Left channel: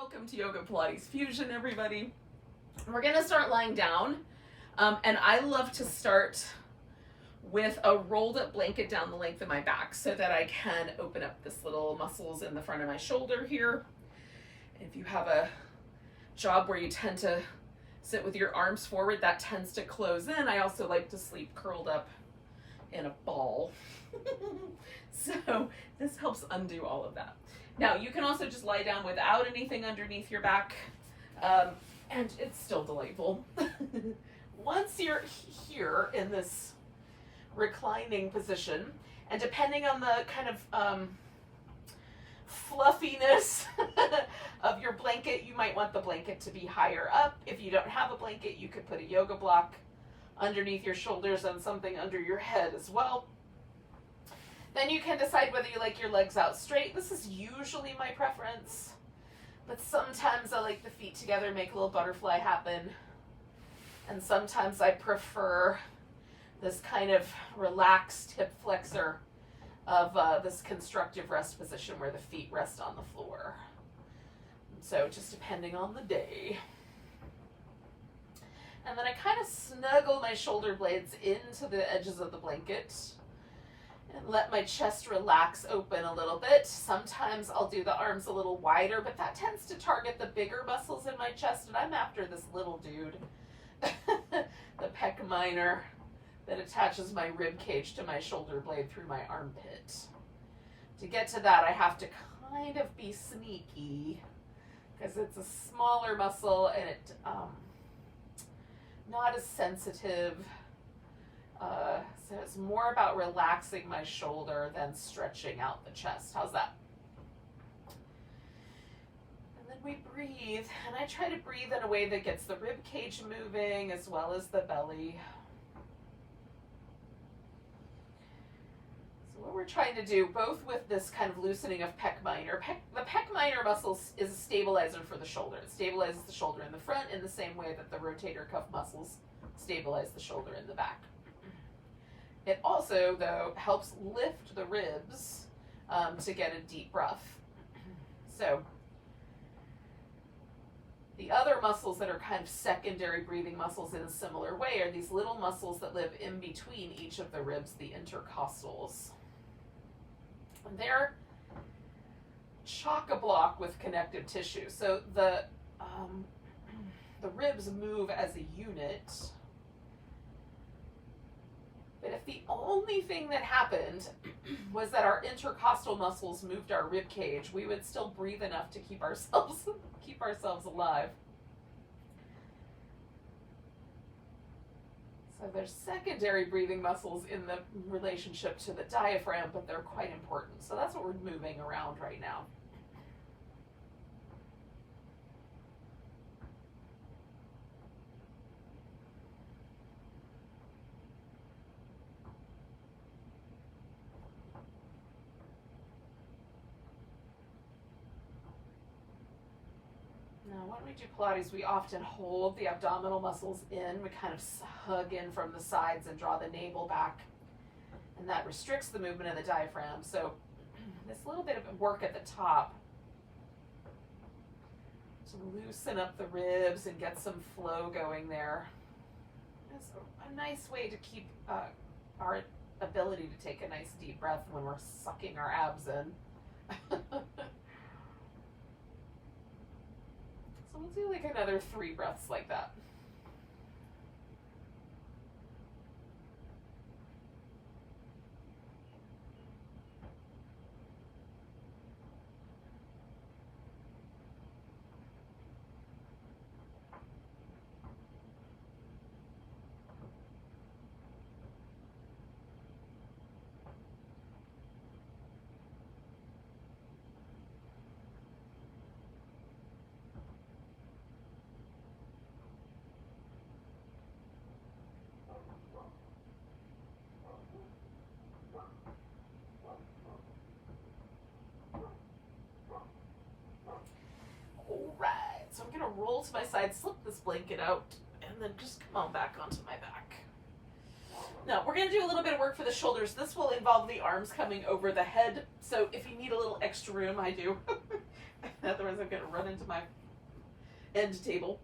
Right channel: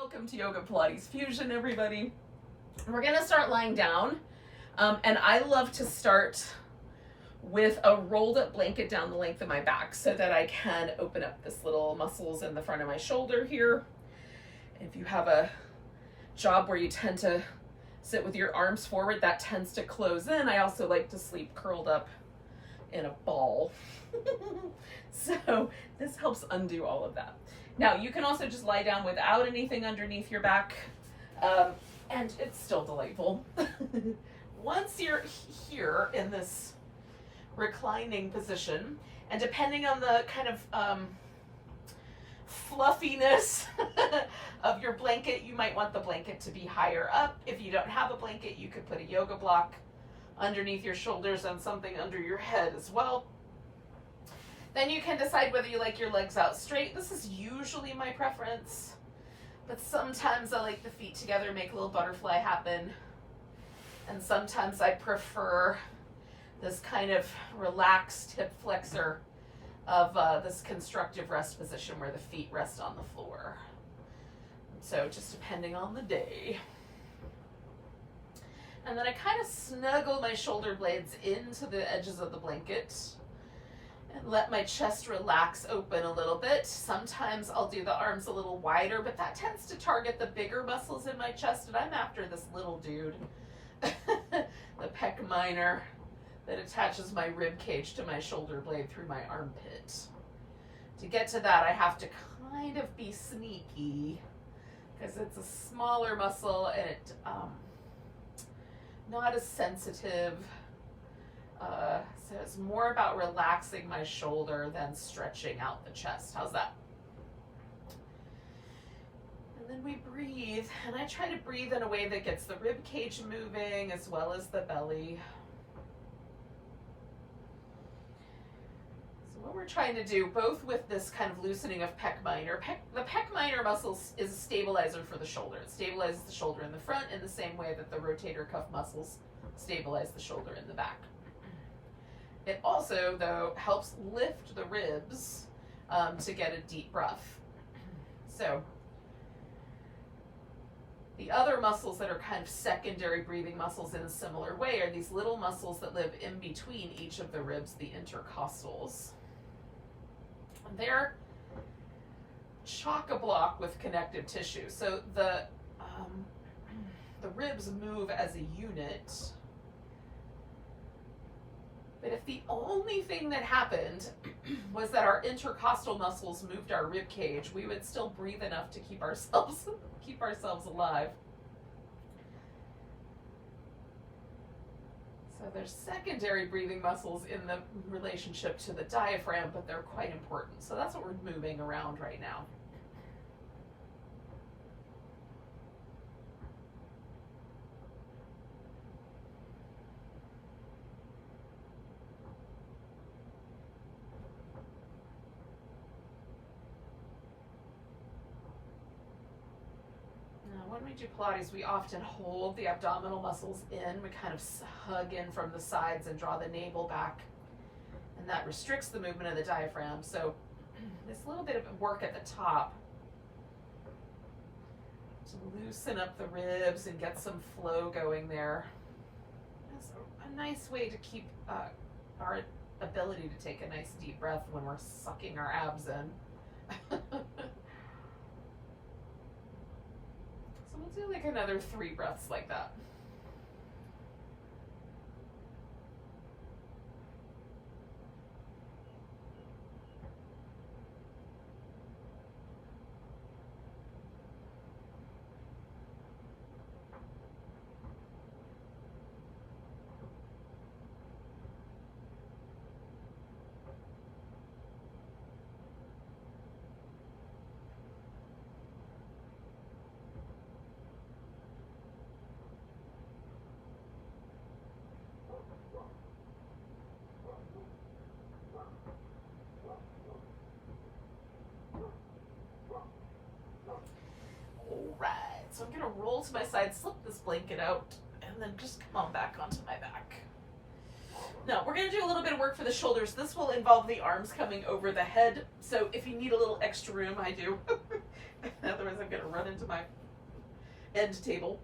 Welcome to Yoga Pilates Fusion, everybody. We're gonna start lying down, and I love to start with a rolled up blanket down the length of my back so that I can open up this little muscles in the front of my shoulder here. If you have a job where you tend to sit with your arms forward, that tends to close in. I also like to sleep curled up in a ball. So this helps undo all of that. Now you can also just lie down without anything underneath your back, and it's still delightful. Once you're here in this reclining position, and depending on the kind of fluffiness of your blanket, you might want the blanket to be higher up. If you don't have a blanket, you could put a yoga block underneath your shoulders and something under your head as well. Then you can decide whether you like your legs out straight. This is usually my preference, but sometimes I like the feet together, make a little butterfly happen. And sometimes I prefer this kind of relaxed hip flexor of this constructive rest position where the feet rest on the floor. So just depending on the day. And then I kind of snuggle my shoulder blades into the edges of the blanket and let my chest relax open a little bit. Sometimes I'll do the arms a little wider, but that tends to target the bigger muscles in my chest, and I'm after this little dude, the pec minor that attaches my rib cage to my shoulder blade through my armpit. To get to that, I have to kind of be sneaky because it's a smaller muscle and it not as sensitive. So it's more about relaxing my shoulder than stretching out the chest. How's that? And then we breathe, and I try to breathe in a way that gets the rib cage moving as well as the belly. So what we're trying to do, both with this kind of loosening of pec minor, the pec minor muscle is a stabilizer for the shoulder. It stabilizes the shoulder in the front in the same way that the rotator cuff muscles stabilize the shoulder in the back. It also, though, helps lift the ribs to get a deep breath. So the other muscles that are kind of secondary breathing muscles in a similar way are these little muscles that live in between each of the ribs, the intercostals. And they're chock-a-block with connective tissue. So the ribs move as a unit. But if the only thing that happened was that our intercostal muscles moved our rib cage, we would still breathe enough to keep ourselves alive. So there's secondary breathing muscles in the relationship to the diaphragm, but they're quite important. So that's what we're moving around right now. Now, when we do Pilates, we often hold the abdominal muscles in. We kind of hug in from the sides and draw the navel back. And that restricts the movement of the diaphragm. So this little bit of work at the top to loosen up the ribs and get some flow going there. It's a nice way to keep our ability to take a nice deep breath when we're sucking our abs in. We'll do like another 3 breaths like that. So I'm going to roll to my side, slip this blanket out, and then just come on back onto my back. Now, we're going to do a little bit of work for the shoulders. This will involve the arms coming over the head. So if you need a little extra room, I do. Otherwise I'm gonna run into my end table.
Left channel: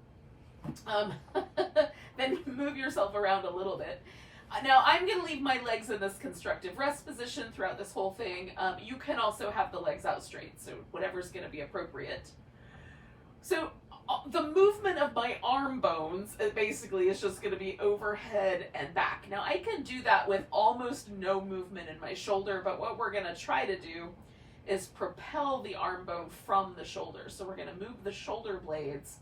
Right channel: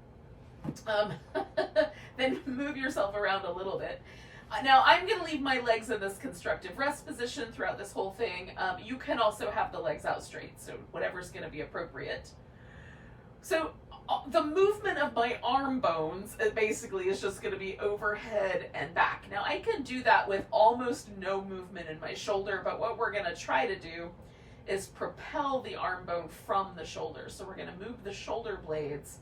Then move yourself around a little bit. Now I'm going to leave my legs in this constructive rest position throughout this whole thing. You can also have the legs out straight, so whatever's going to be appropriate. So the movement of my arm bones basically is just going to be overhead and back. Now I can do that with almost no movement in my shoulder, but what we're going to try to do is propel the arm bone from the shoulder. So we're going to move the shoulder blades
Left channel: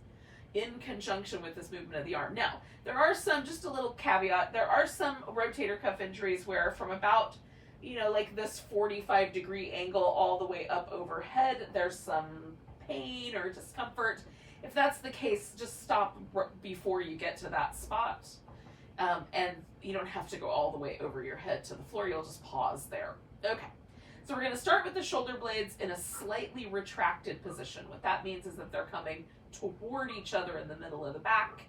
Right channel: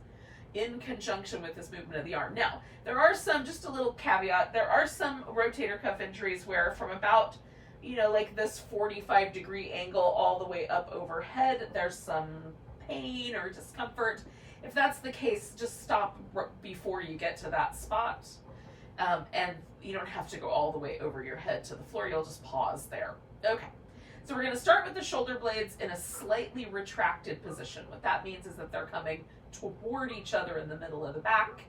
in conjunction with this movement of the arm. Now, there are some, just a little caveat, there are some rotator cuff injuries where from about, like this 45-degree angle all the way up overhead, there's some pain or discomfort. If that's the case, just stop before you get to that spot. And you don't have to go all the way over your head to the floor, you'll just pause there. Okay. So we're going to start with the shoulder blades in a slightly retracted position. What that means is that they're coming toward each other in the middle of the back.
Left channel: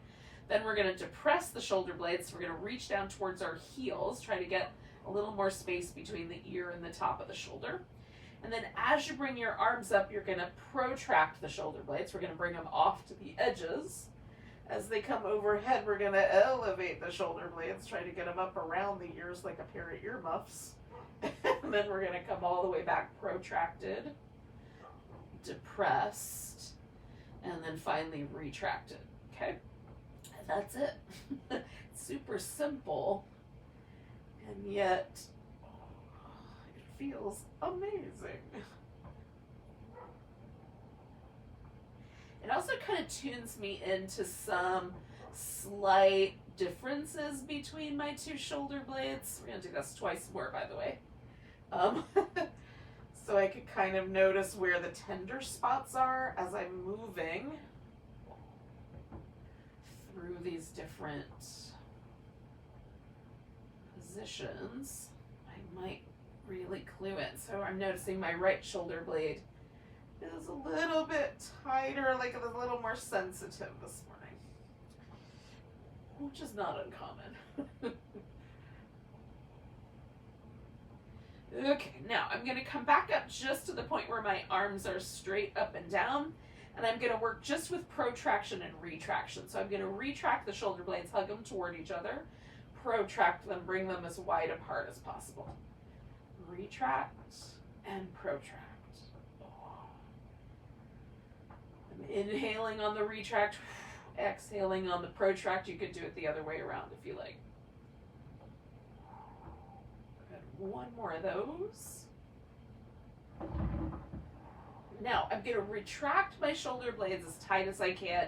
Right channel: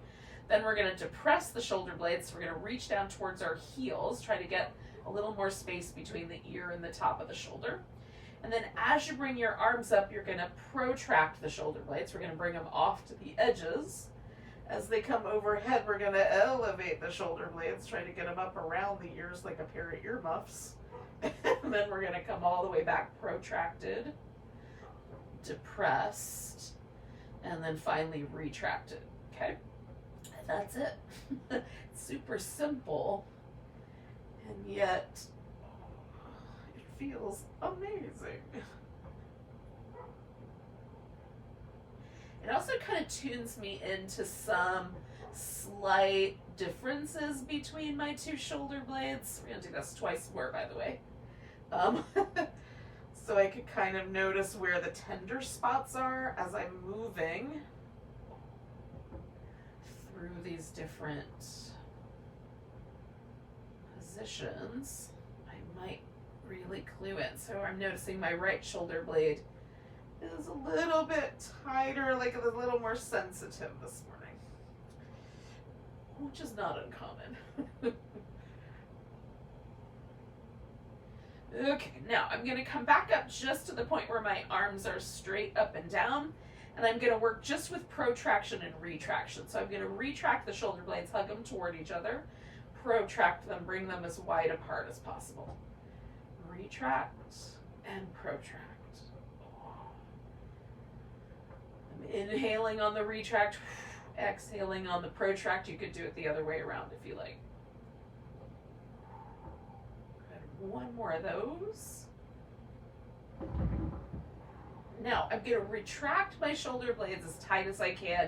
Then we're going to depress the shoulder blades. So we're going to reach down towards our heels, try to get a little more space between the ear and the top of the shoulder. And then as you bring your arms up, you're going to protract the shoulder blades. We're going to bring them off to the edges. As they come overhead, we're going to elevate the shoulder blades, try to get them up around the ears like a pair of earmuffs. And then we're going to come all the way back, protracted, depressed, and then finally retracted. Okay, that's it. Super simple, and yet it feels amazing. It also kind of tunes me into some slight differences between my two shoulder blades. We're going to do this twice more, by the way. So I could kind of notice where the tender spots are as I'm moving through these different positions. I might really clue in. So I'm noticing my right shoulder blade is a little bit tighter, like a little more sensitive this morning, which is not uncommon. Okay, now I'm going to come back up just to the point where my arms are straight up and down, and I'm going to work just with protraction and retraction. So I'm going to retract the shoulder blades, hug them toward each other, protract them, bring them as wide apart as possible. Retract and protract. I'm inhaling on the retract, exhaling on the protract. You could do it the other way around if you like. One more of those. Now I'm going to retract my shoulder blades as tight as I can,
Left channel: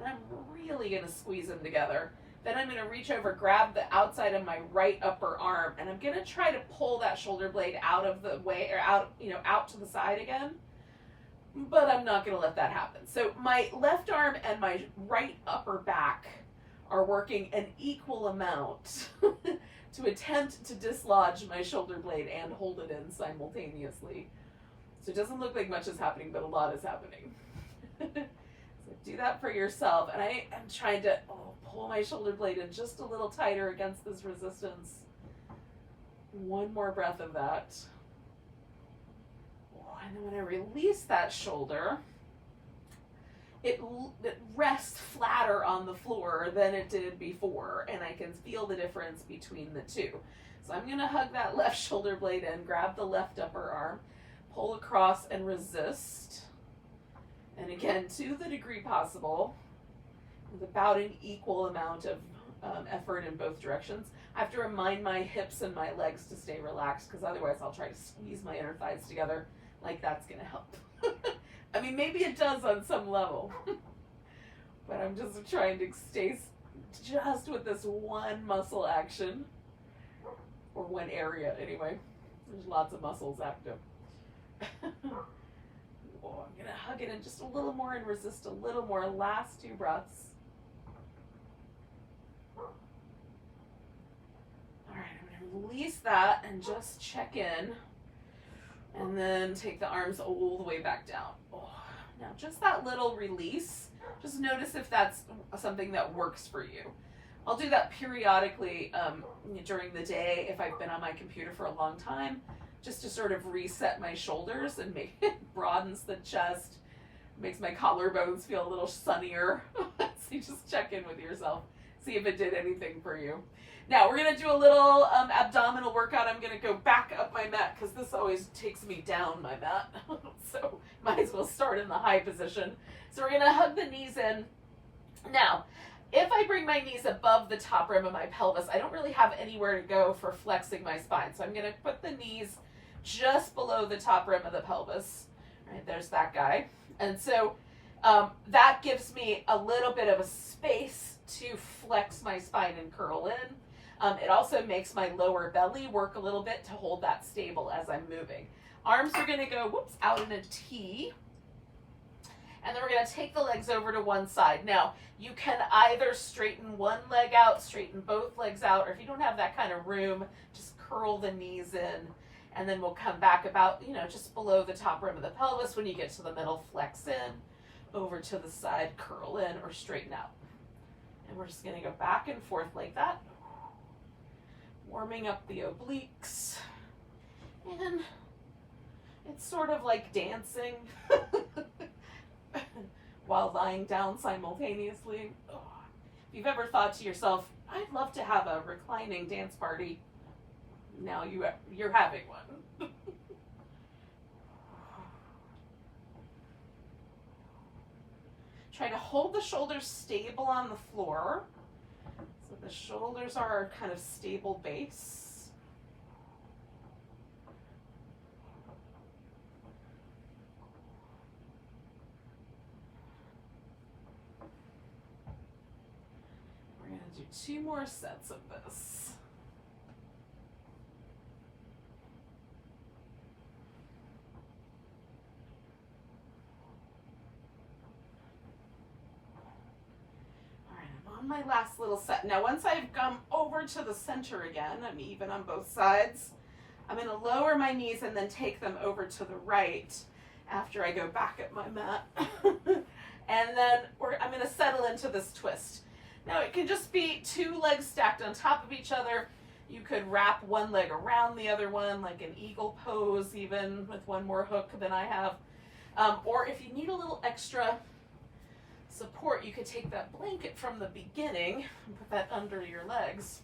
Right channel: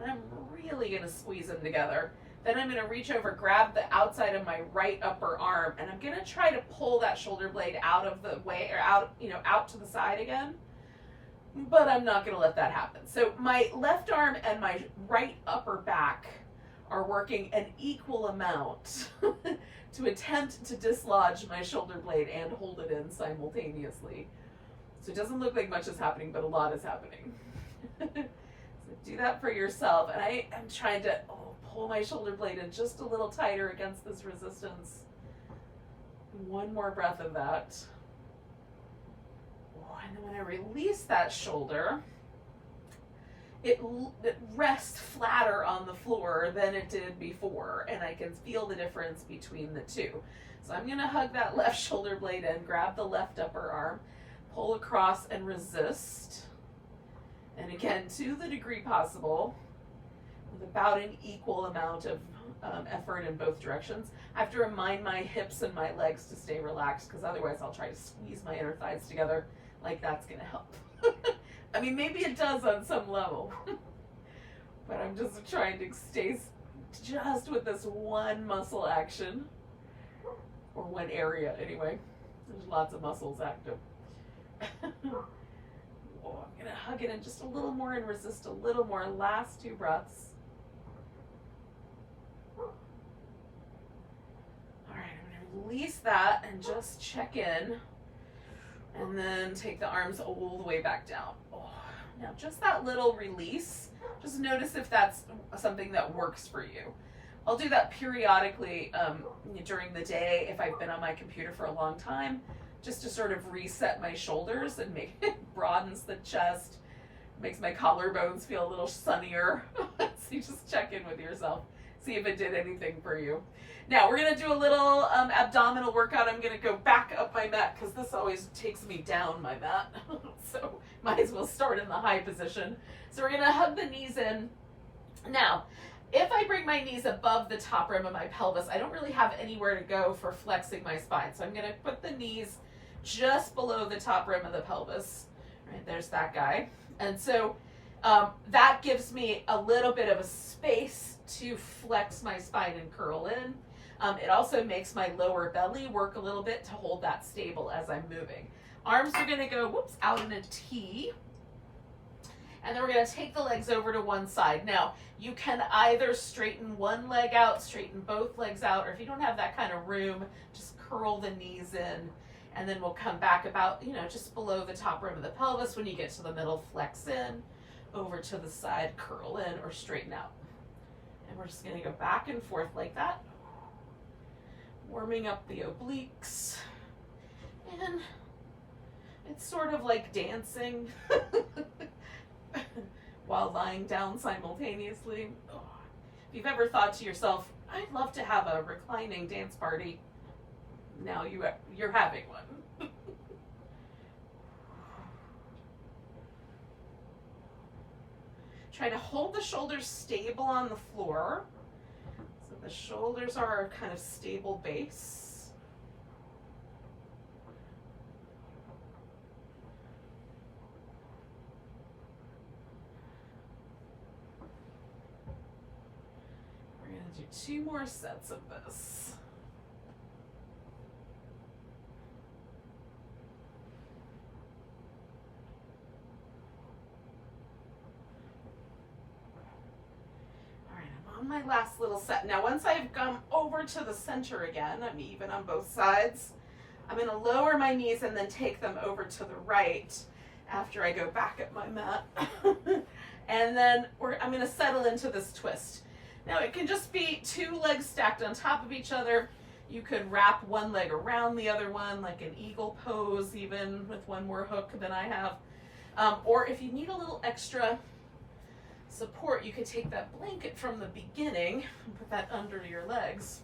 and I'm really going to squeeze them together. Then I'm going to reach over, grab the outside of my right upper arm, and I'm going to try to pull that shoulder blade out of the way, or out to the side again. But I'm not going to let that happen. So my left arm and my right upper back are working an equal amount to attempt to dislodge my shoulder blade and hold it in simultaneously. So it doesn't look like much is happening, but a lot is happening. So do that for yourself. And I am trying to pull my shoulder blade in just a little tighter against this resistance. One more breath of that. And then when I release that shoulder, it rests flatter on the floor than it did before, and I can feel the difference between the two. So I'm going to hug that left shoulder blade in, grab the left upper arm, pull across and resist. And again, to the degree possible, with about an equal amount of effort in both directions. I have to remind my hips and my legs to stay relaxed, because otherwise I'll try to squeeze my inner thighs together like that's going to help. I mean, maybe it does on some level, but I'm just trying to stay just with this one muscle action, or one area anyway. There's lots of muscles active. I'm gonna hug it in just a little more and resist a little more. Last two breaths. All right, I'm gonna release that and just check in. And then take the arms all the way back down. Now just that little release, just notice if that's something that works for you. I'll do that periodically during the day if I've been on my computer for a long time, just to sort of reset my shoulders and make it broadens the chest, Makes my collarbones feel a little sunnier. So you just check in with yourself, see if it did anything for you. Now we're gonna do a little abdominal workout. I'm gonna go back up my mat because this always takes me down my mat. So might as well start in the high position. So we're gonna hug the knees in. Now, if I bring my knees above the top rim of my pelvis, I don't really have anywhere to go for flexing my spine. So I'm gonna put the knees just below the top rim of the pelvis. Right, there's that guy. And so that gives me a little bit of a space to flex my spine and curl in. It also makes my lower belly work a little bit to hold that stable as I'm moving. Arms are gonna go, whoops, out in a T. And then we're gonna take the legs over to one side. Now, you can either straighten one leg out, straighten both legs out, or if you don't have that kind of room, just curl the knees in. And then we'll come back about, just below the top rim of the pelvis. When you get to the middle, flex in, over to the side, curl in, or straighten out. And we're just gonna go back and forth like that. Warming up the obliques. And it's sort of like dancing while lying down simultaneously. Oh. If you've ever thought to yourself, I'd love to have a reclining dance party, now you're having one. Try to hold the shoulders stable on the floor. So the shoulders are our kind of stable base. We're going to do 2 more sets of this. My last little set. Now once I've come over to the center again, I'm even on both sides, I'm going to lower my knees and then take them over to the right after I go back at my mat. And then I'm going to settle into this twist. Now it can just be 2 legs stacked on top of each other. You could wrap one leg around the other one, like an eagle pose, even with one more hook than I have. Or if you need a little extra support, you could take that blanket from the beginning and put that under your legs.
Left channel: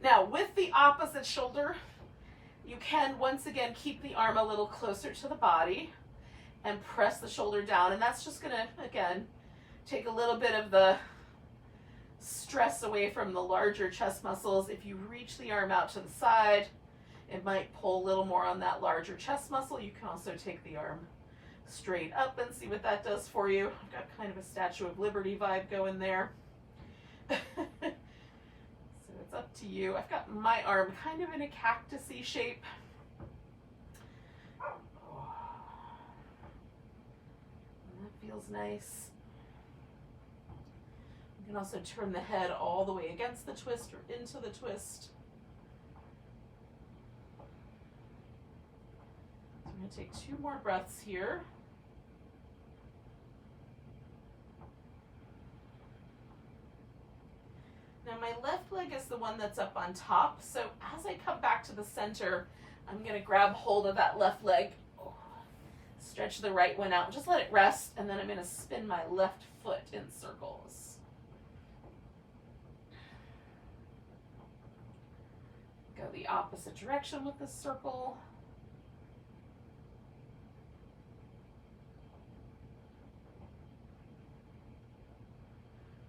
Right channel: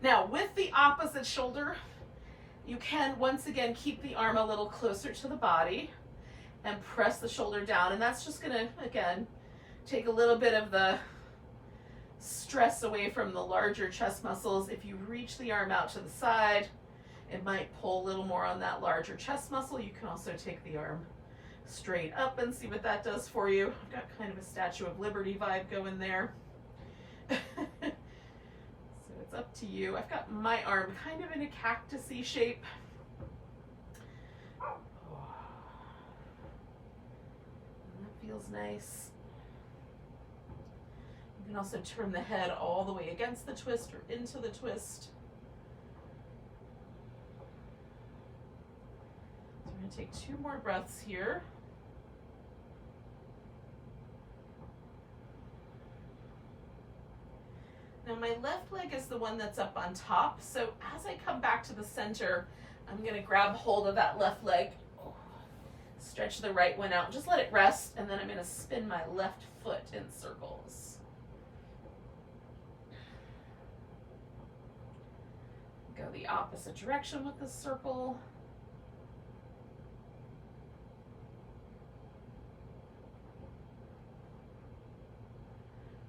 Now with the opposite shoulder, you can once again keep the arm a little closer to the body and press the shoulder down, and that's just gonna, again, take a little bit of the stress away from the larger chest muscles. If you reach the arm out to the side, it might pull a little more on that larger chest muscle. You can also take the arm straight up and see what that does for you. I've got kind of a Statue of Liberty vibe going there. So it's up to you. I've got my arm kind of in a cactusy shape. And that feels nice. You can also turn the head all the way against the twist or into the twist. So I'm going to take 2 more breaths here. Now my left leg is the one that's up on top, so as I come back to the center, I'm going to grab hold of that left leg, stretch the right one out, just let it rest, and then I'm going to spin my left foot in circles. Go the opposite direction with this circle.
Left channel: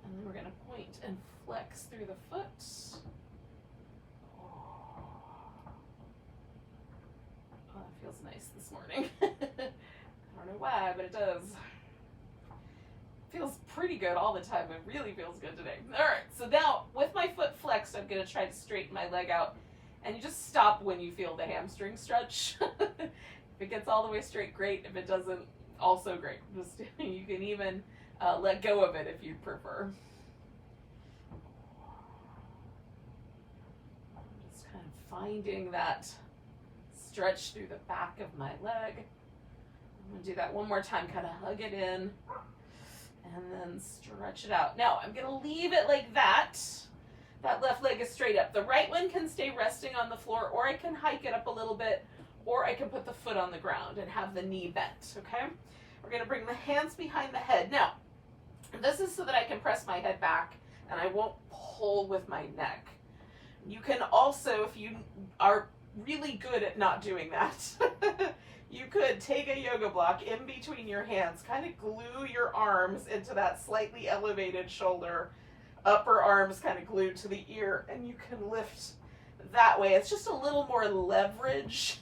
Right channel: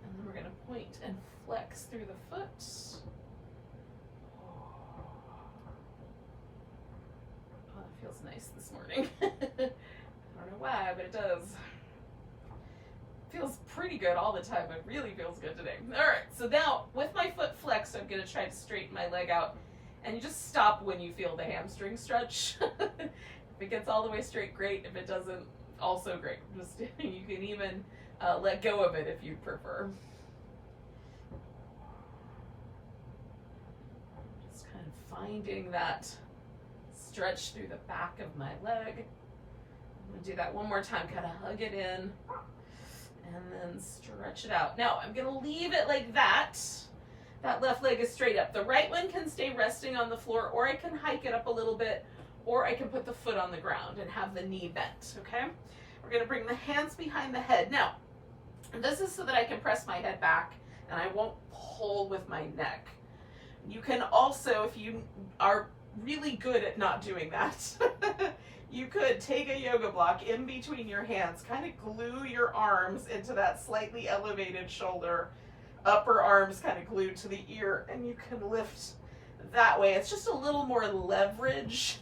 And then we're going to point and flex through the foot. Oh, that feels nice this morning. I don't know why, but it does. Feels pretty good all the time. It really feels good today. All right, so now with my foot flexed, I'm going to try to straighten my leg out. And you just stop when you feel the hamstring stretch. If it gets all the way straight, great. If it doesn't, also great. Just you can even let go of it if you prefer. Finding that stretch through the back of my leg. I'm going to do that one more time, kind of hug it in and then stretch it out. Now I'm going to leave it like that. That left leg is straight up. The right one can stay resting on the floor, or I can hike it up a little bit, or I can put the foot on the ground and have the knee bent, okay? We're going to bring the hands behind the head. Now, this is so that I can press my head back and I won't pull with my neck. You can also, if you are really good at not doing that, you could take a yoga block in between your hands, kind of glue your arms into that slightly elevated shoulder, upper arms kind of glued to the ear, and you can lift that way. It's just a little more leverage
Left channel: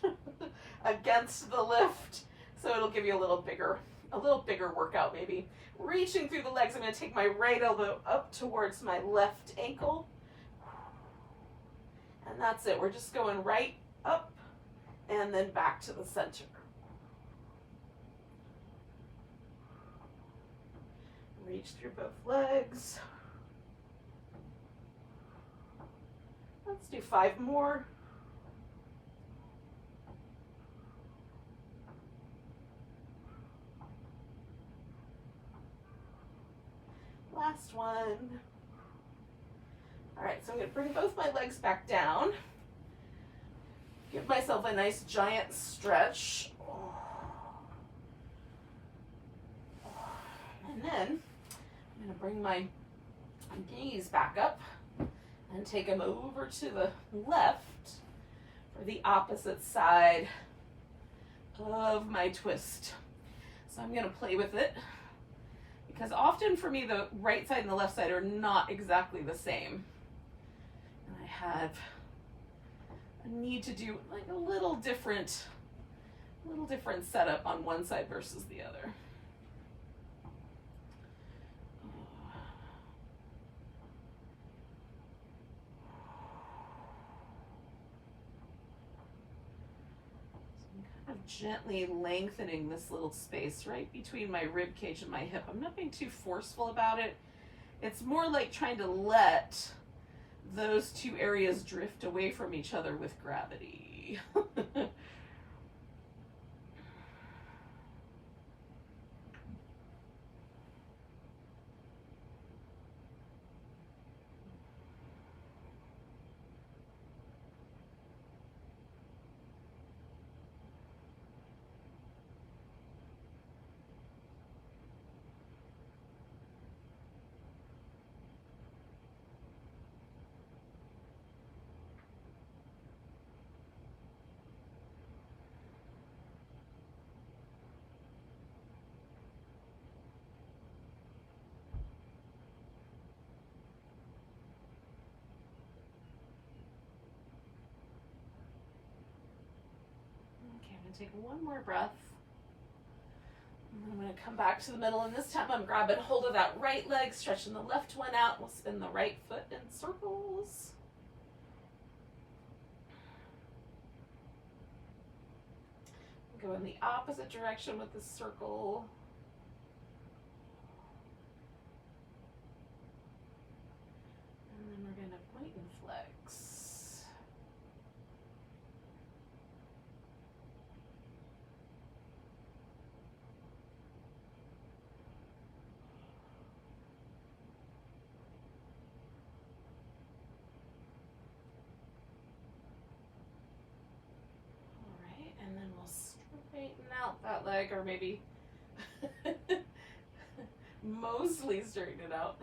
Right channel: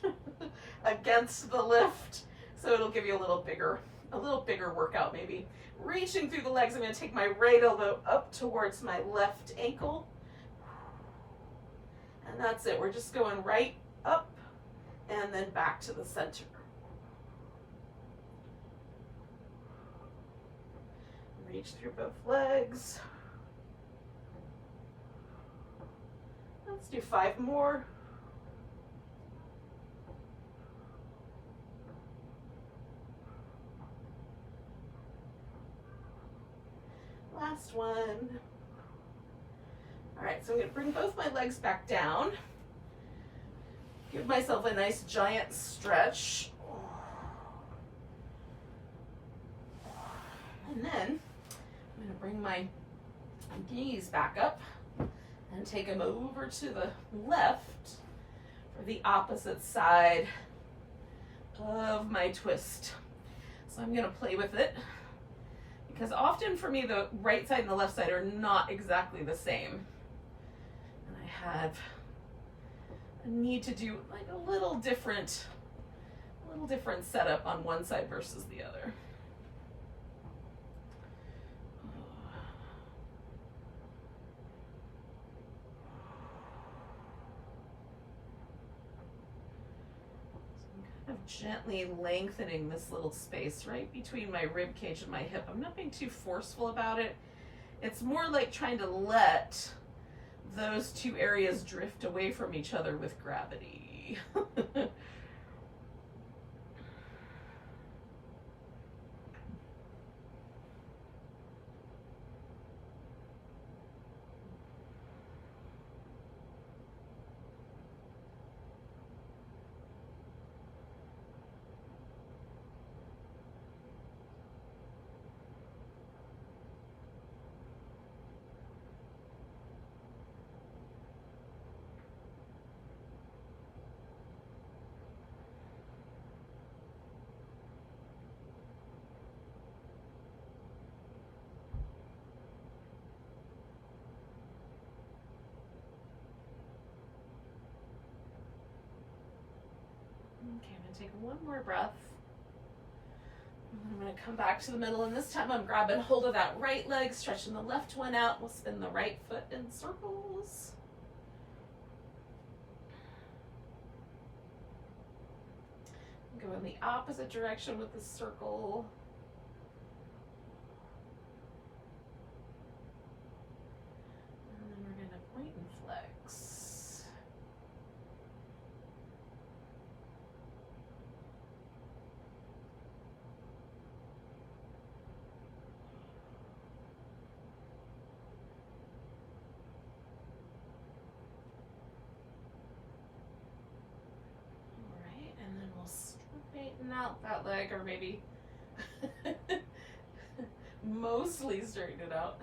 against the lift, so it'll give you a little bigger workout maybe. Reaching through the legs, I'm going to take my right elbow up towards my left ankle. And that's it. We're just going right up and then back to the center. Reach through both legs. Let's do 5 more. Last one. All right, so I'm gonna bring both my legs back down. Give myself a nice giant stretch. And then I'm gonna bring my knees back up and take them over to the left for the opposite side of my twist. So I'm gonna play with it, because often for me the right side and the left side are not exactly the same. And I have a need to do like a little different setup on one side versus the other. Gently lengthening this little space right between my rib cage and my hip. I'm not being too forceful about it. It's more like trying to let those two areas drift away from each other with gravity. Okay, I'm going to take one more breath. And then I'm going to come back to the middle, and this time I'm grabbing hold of that right leg, stretching the left one out. We'll spin the right foot in circles. Go in the opposite direction with the circle. And then we're going to point and flex. Straighten out that leg, or maybe mostly straighten it out.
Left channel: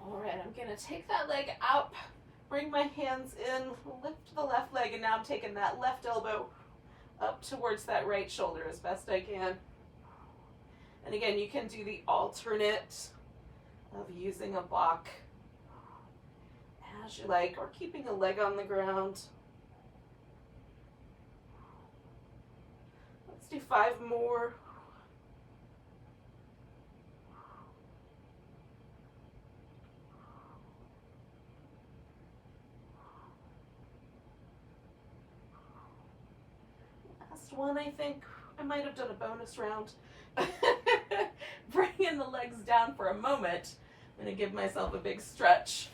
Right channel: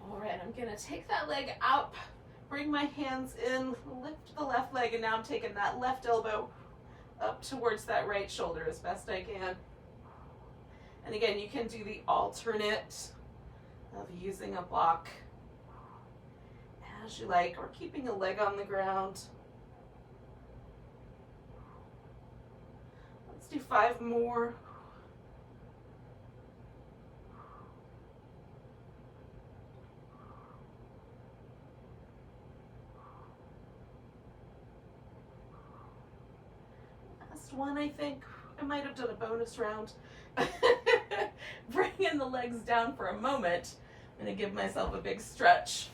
All right, I'm gonna take that leg up. Bring my hands in, lift the left leg, and now I'm taking that left elbow up towards that right shoulder as best I can. And again, you can do the alternate of using a block as you like, or keeping a leg on the ground. Let's do 5 more. One, I think I might have done a bonus round. Bringing the legs down for a moment. I'm going to give myself a big stretch.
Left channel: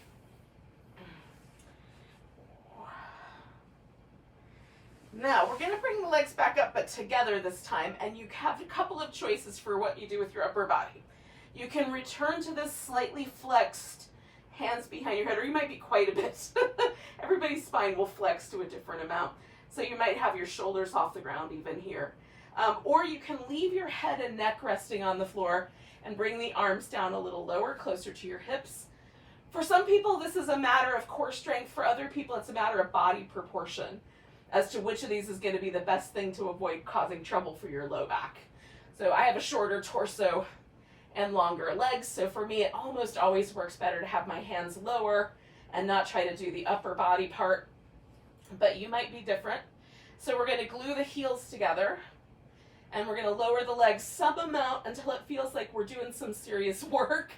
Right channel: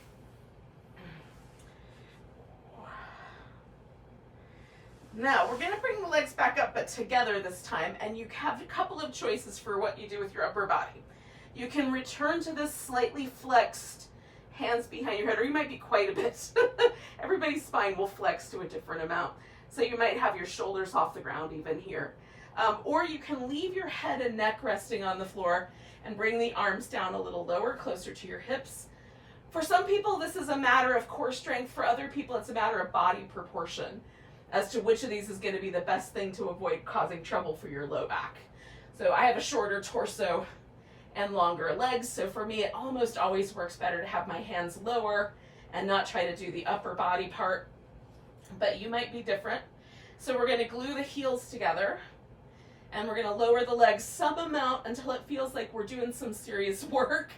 Now we're gonna bring the legs back up, but together this time, and you have a couple of choices for what you do with your upper body. You can return to this slightly flexed, hands behind your head, or you might be quite a bit. Everybody's spine will flex to a different amount. So you might have your shoulders off the ground even here. Or you can leave your head and neck resting on the floor and bring the arms down a little lower, closer to your hips. For some people, this is a matter of core strength. For other people, it's a matter of body proportion as to which of these is going to be the best thing to avoid causing trouble for your low back. So I have a shorter torso and longer legs, so for me it almost always works better to have my hands lower and not try to do the upper body part, but you might be different. So we're going to glue the heels together, and we're going to lower the legs some amount until it feels like we're doing some serious work.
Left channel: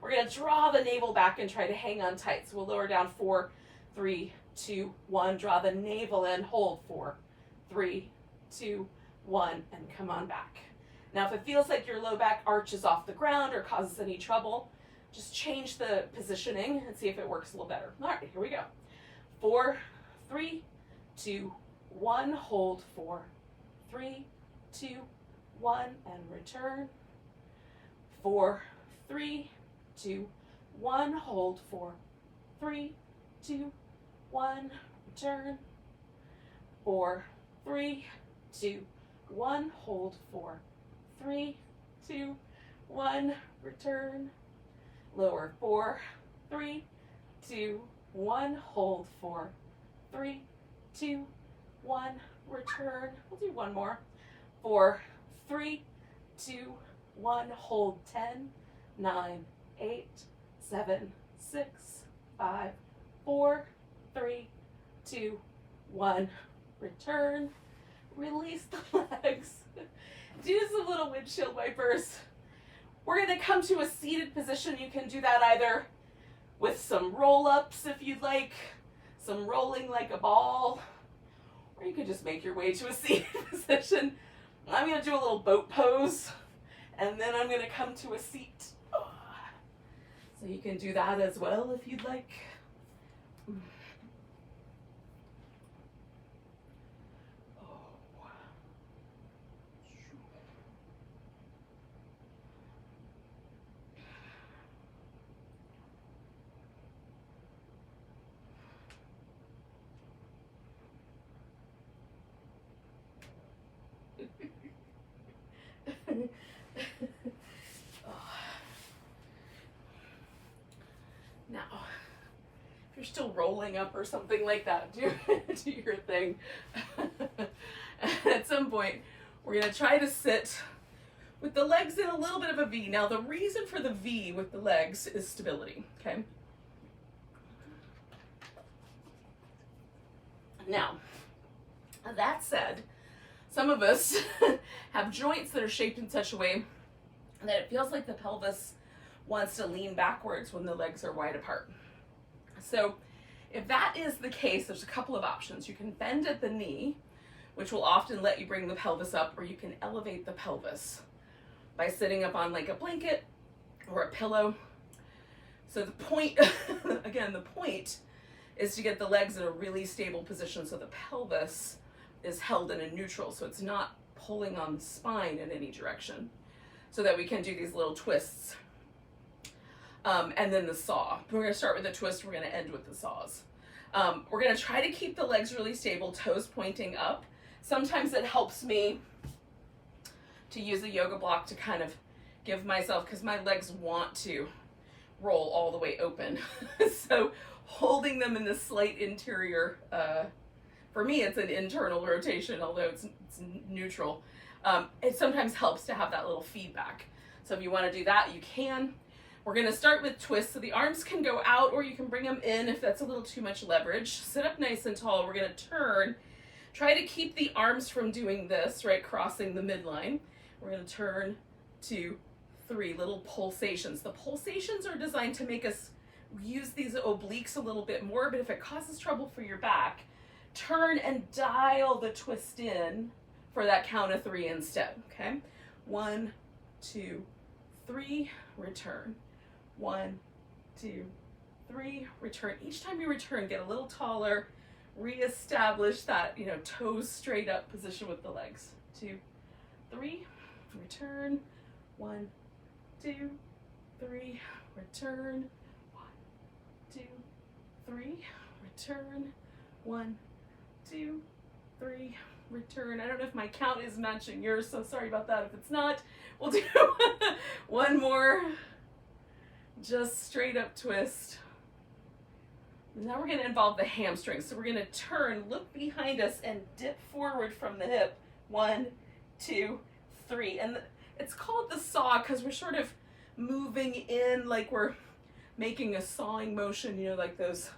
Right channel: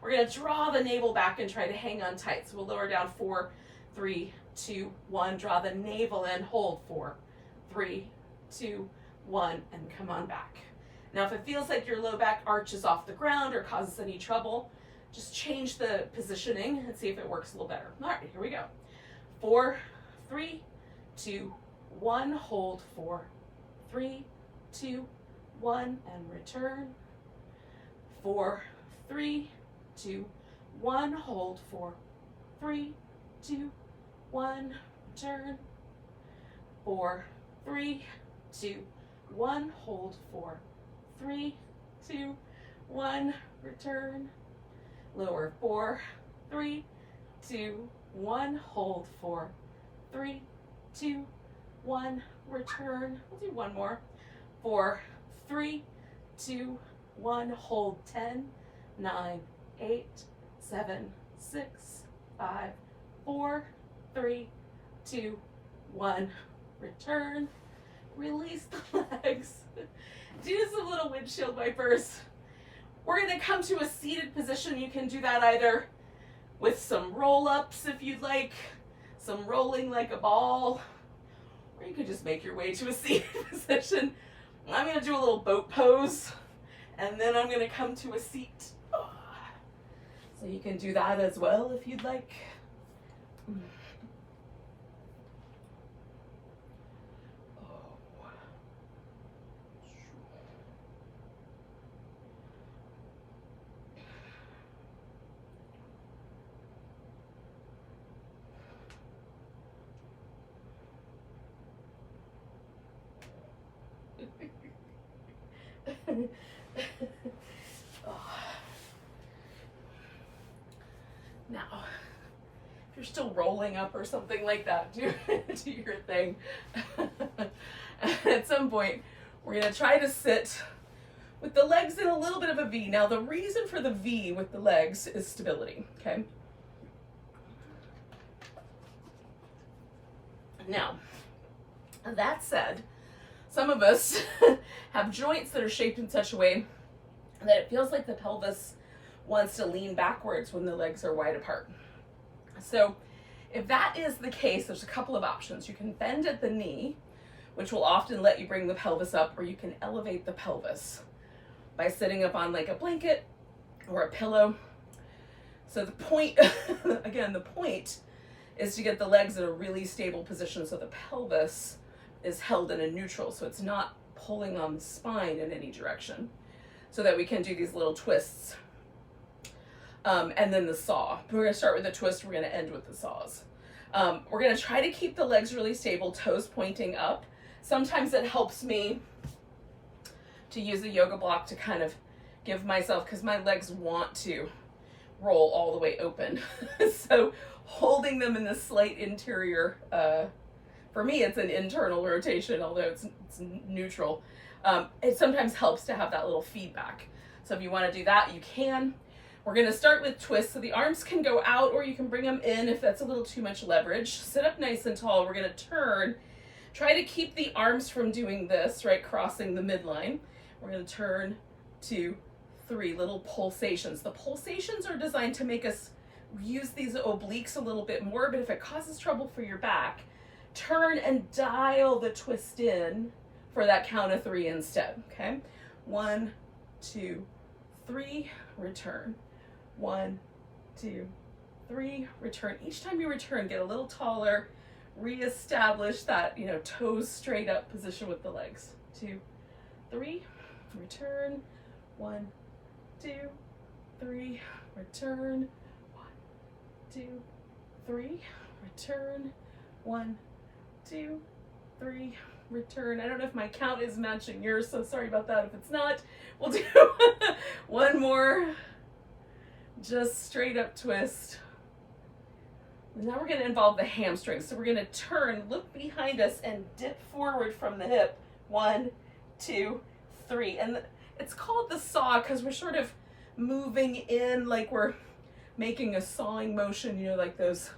We're going to draw the navel back and try to hang on tight. So we'll lower down 4, 3, 2, 1, draw the navel in, hold 4, 3, 2, 1, and come on back. Now if it feels like your low back arches off the ground or causes any trouble, just change the positioning and see if it works a little better. All right, here we go. 4, 3, 2, 1, hold 4, 3, 2, 1, and return. 4, 3, 2, 1, hold 4, 3, 2, 1, return. 4, 3, 2, 1, hold 4, 3, 2, 1, return. Lower 4, 3, 2, 1, hold 4, 3, 2, 1, return. We'll do one more. 4, 3, 2, 1, hold 10, 9, 8, 7, 6, 5, 4, 3, 2, 1, return. Release the legs. Do some little windshield wipers. We're going to come to a seated position. You can do that either with some roll-ups if you'd like, some rolling like a ball, or you could just make your way to a seated position. I'm going to do a little boat pose, and then I'm going to come to a seat. So you can do that as well if you'd like. Now, if you're still rolling up or something like that, do your thing. At some point, we're going to try to sit with the legs in a little bit of a V. Now, the reason for the V with the legs is stability, okay? Now, that said, some of us have joints that are shaped in such a way that it feels like the pelvis wants to lean backwards when the legs are wide apart. So if that is the case, there's a couple of options. You can bend at the knee, which will often let you bring the pelvis up, or you can elevate the pelvis by sitting up on like a blanket or a pillow. So the point, again, the point is to get the legs in a really stable position so the pelvis is held in a neutral, so it's not pulling on the spine in any direction, so that we can do these little twists. And then the saw. We're going to start with the twist, we're going to end with the saws. We're going to try to keep the legs really stable, toes pointing up. Sometimes it helps me to use a yoga block to kind of give myself, because my legs want to roll all the way open. So holding them in this slight interior, for me it's an internal rotation, although it's neutral. It sometimes helps to have that little feedback. So if you want to do that, you can. We're going to start with twists. So the arms can go out, or you can bring them in if that's a little too much leverage. Sit up nice and tall. We're going to turn. Try to keep the arms from doing this, right, crossing the midline. We're going to turn 2, 3, little pulsations. The pulsations are designed to make us use these obliques a little bit more, but if it causes trouble for your back, turn and dial the twist in for that count of 3 instead, okay? 1, 2, 3, return. 1, 2, 3, return. Each time you return, get a little taller, reestablish that, you know, toes straight up position with the legs. 2, 3, return. 1, 2, 3, return. 1, 2, 3, return. 1, 2, 3, return. I don't know if my count is matching yours, so sorry about that. If it's not, we'll do one more. Just straight up twist. Now we're going to involve the hamstrings. So we're going to turn, look behind us, and dip forward from the hip. 1, 2, 3. And it's called the saw because we're sort of moving in like we're making a sawing motion, you know, like those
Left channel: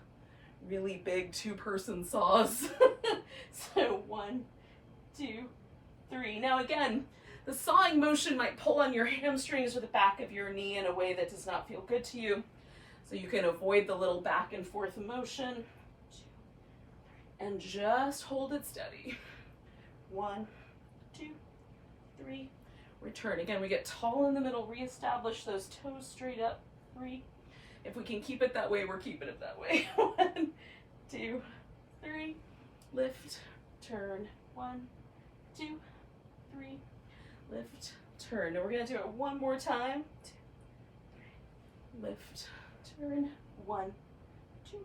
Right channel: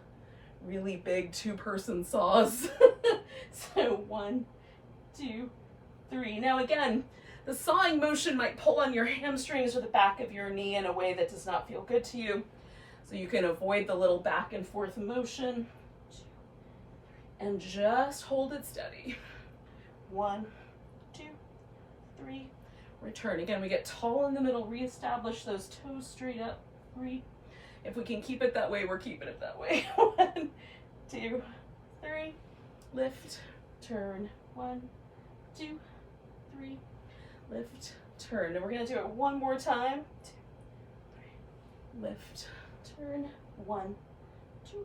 really big 2-person saws. So 1, 2, 3. Now again, the sawing motion might pull on your hamstrings or the back of your knee in a way that does not feel good to you. So you can avoid the little back and forth motion. 2, and just hold it steady. 1, 2, 3, return. Again, we get tall in the middle, reestablish those toes straight up. 3. If we can keep it that way, we're keeping it that way. 1, 2, 3, lift, turn. 1, 2, 3, lift, turn. And we're going to do it one more time. 2, 3, lift, turn. 1, 2,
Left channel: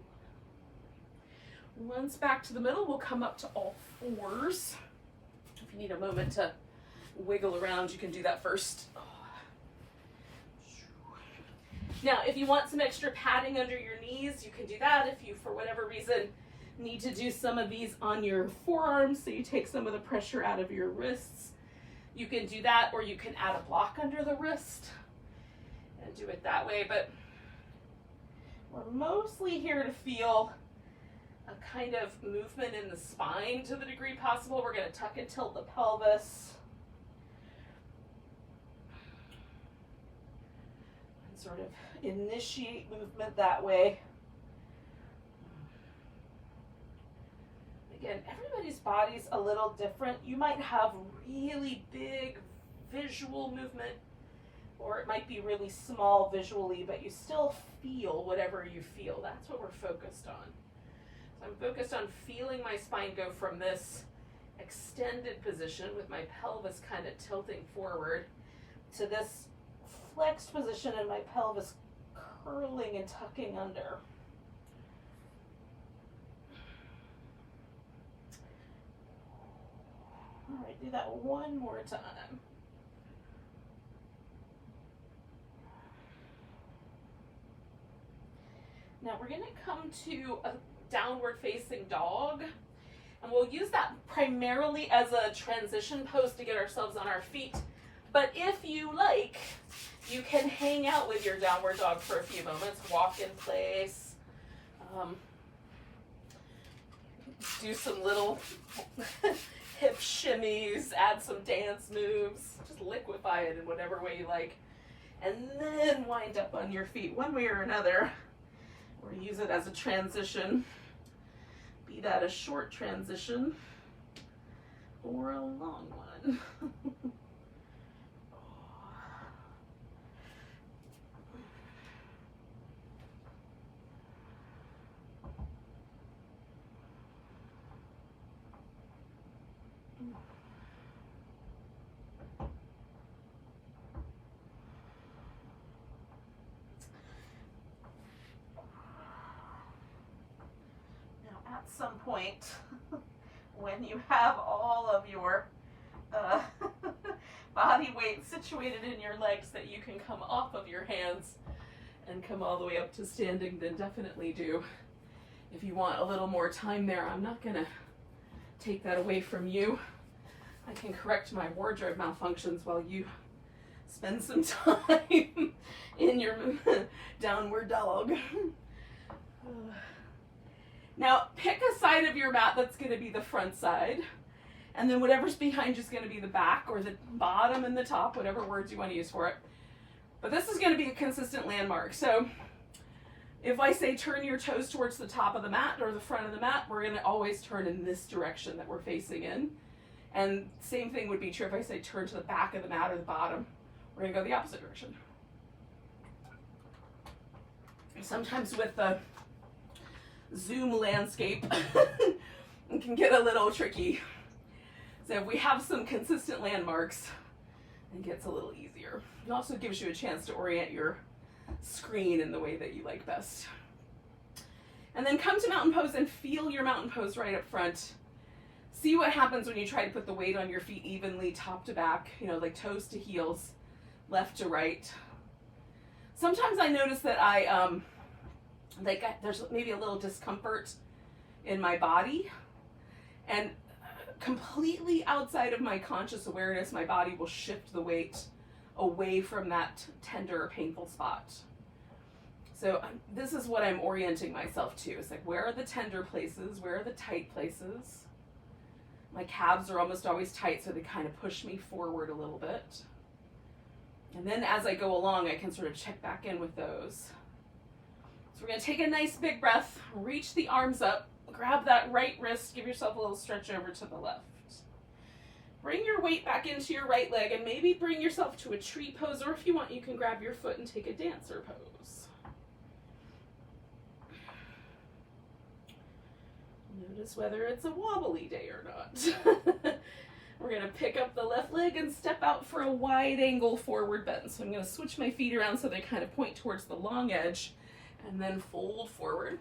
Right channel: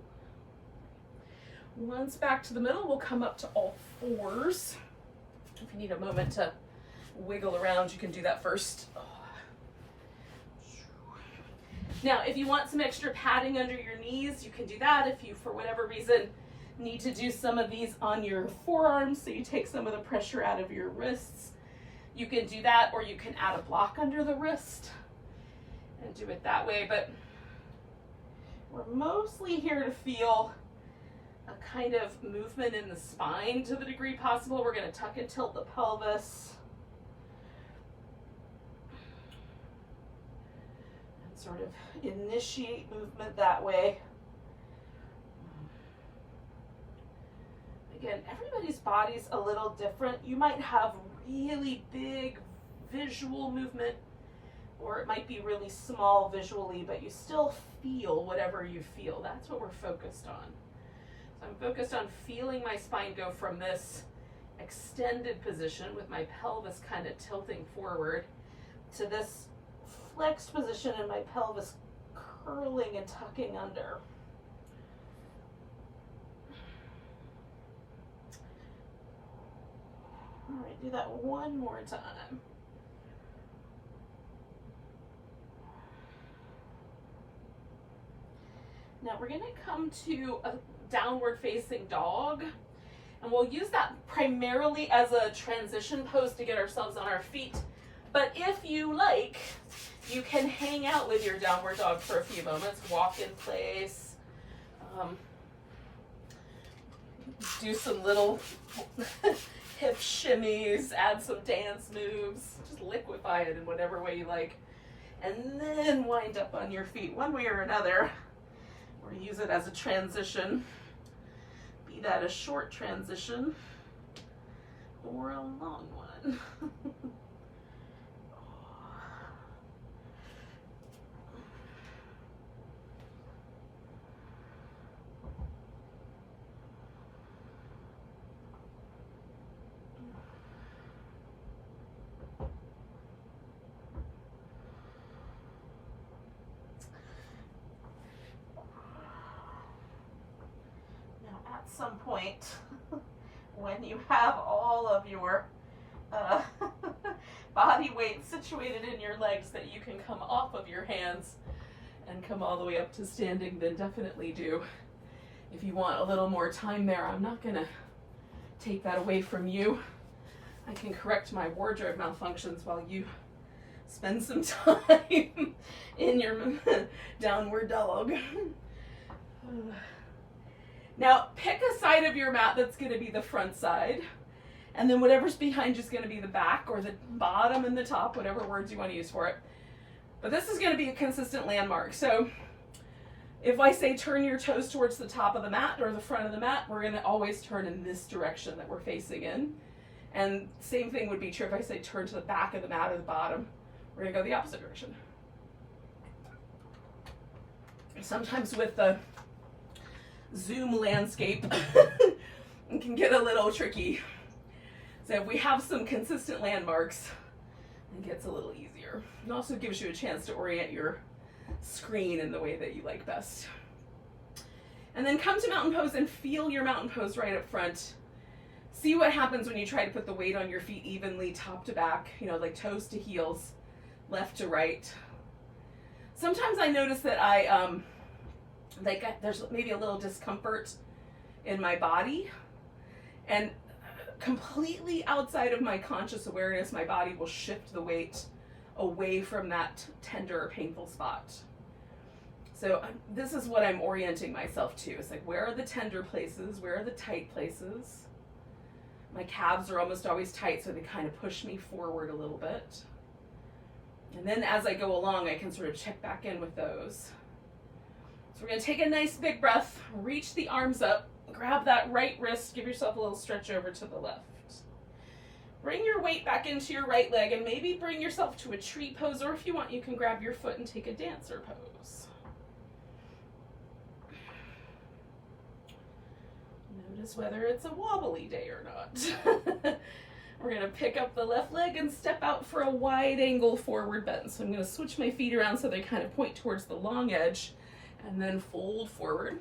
3. Once back to the middle, we'll come up to all fours. If you need a moment to wiggle around, you can do that first. Now, if you want some extra padding under your knees, you can do that. If you, for whatever reason, need to do some of these on your forearms so you take some of the pressure out of your wrists, you can do that, or you can add a block under the wrist and do it that way. But we're mostly here to feel a kind of movement in the spine to the degree possible. We're going to tuck and tilt the pelvis. And sort of initiate movement that way. Again, everybody's body's a little different. You might have really big visual movement, or it might be really small visually, but you still feel whatever you feel. That's what we're focused on. So I'm focused on feeling my spine go from this extended position with my pelvis kind of tilting forward to this flexed position and my pelvis curling and tucking under. All right, do that one more time. Now we're going to come to a downward facing dog, and we'll use that primarily as a transition pose to get ourselves on our feet. But if you like, you can hang out with your downward dog for a few moments, walk in place, do some little hip shimmies, add some dance moves, just liquefy it in whatever way you like, and then wind up on your feet one way or another, or use it as a transition, be that a short transition or a long one. Some point when you have all of your body weight situated in your legs that you can come off of your hands and come all the way up to standing, then definitely do. If you want a little more time there, I'm not going to take that away from you. I can correct my wardrobe malfunctions while you spend some time in your downward dog. Now, pick a side of your mat that's going to be the front side, and then whatever's behind you is going to be the back or the bottom and the top, whatever words you want to use for it. But this is going to be a consistent landmark. So if I say turn your toes towards the top of the mat or the front of the mat, we're going to always turn in this direction that we're facing in. And same thing would be true if I say turn to the back of the mat or the bottom. We're going to go the opposite direction. Sometimes with the Zoom landscape, it can get a little tricky. So if we have some consistent landmarks, it gets a little easier. It also gives you a chance to orient your screen in the way that you like best. And then come to mountain pose and feel your mountain pose right up front. See what happens when you try to put the weight on your feet evenly, top to back, you know, like toes to heels, left to right. Sometimes I notice that there's maybe a little discomfort in my body, and completely outside of my conscious awareness, my body will shift the weight away from that tender or painful spot. So this is what I'm orienting myself to. It's like, where are the tender places? Where are the tight places? My calves are almost always tight, so they kind of push me forward a little bit. And then as I go along, I can sort of check back in with those. So we're gonna take a nice big breath, reach the arms up, grab that right wrist, give yourself a little stretch over to the left. Bring your weight back into your right leg and maybe bring yourself to a tree pose, or if you want, you can grab your foot and take a dancer pose. Notice whether it's a wobbly day or not. We're gonna pick up the left leg and step out for a wide angle forward bend. So I'm gonna switch my feet around so they kind of point towards the long edge and then fold forward.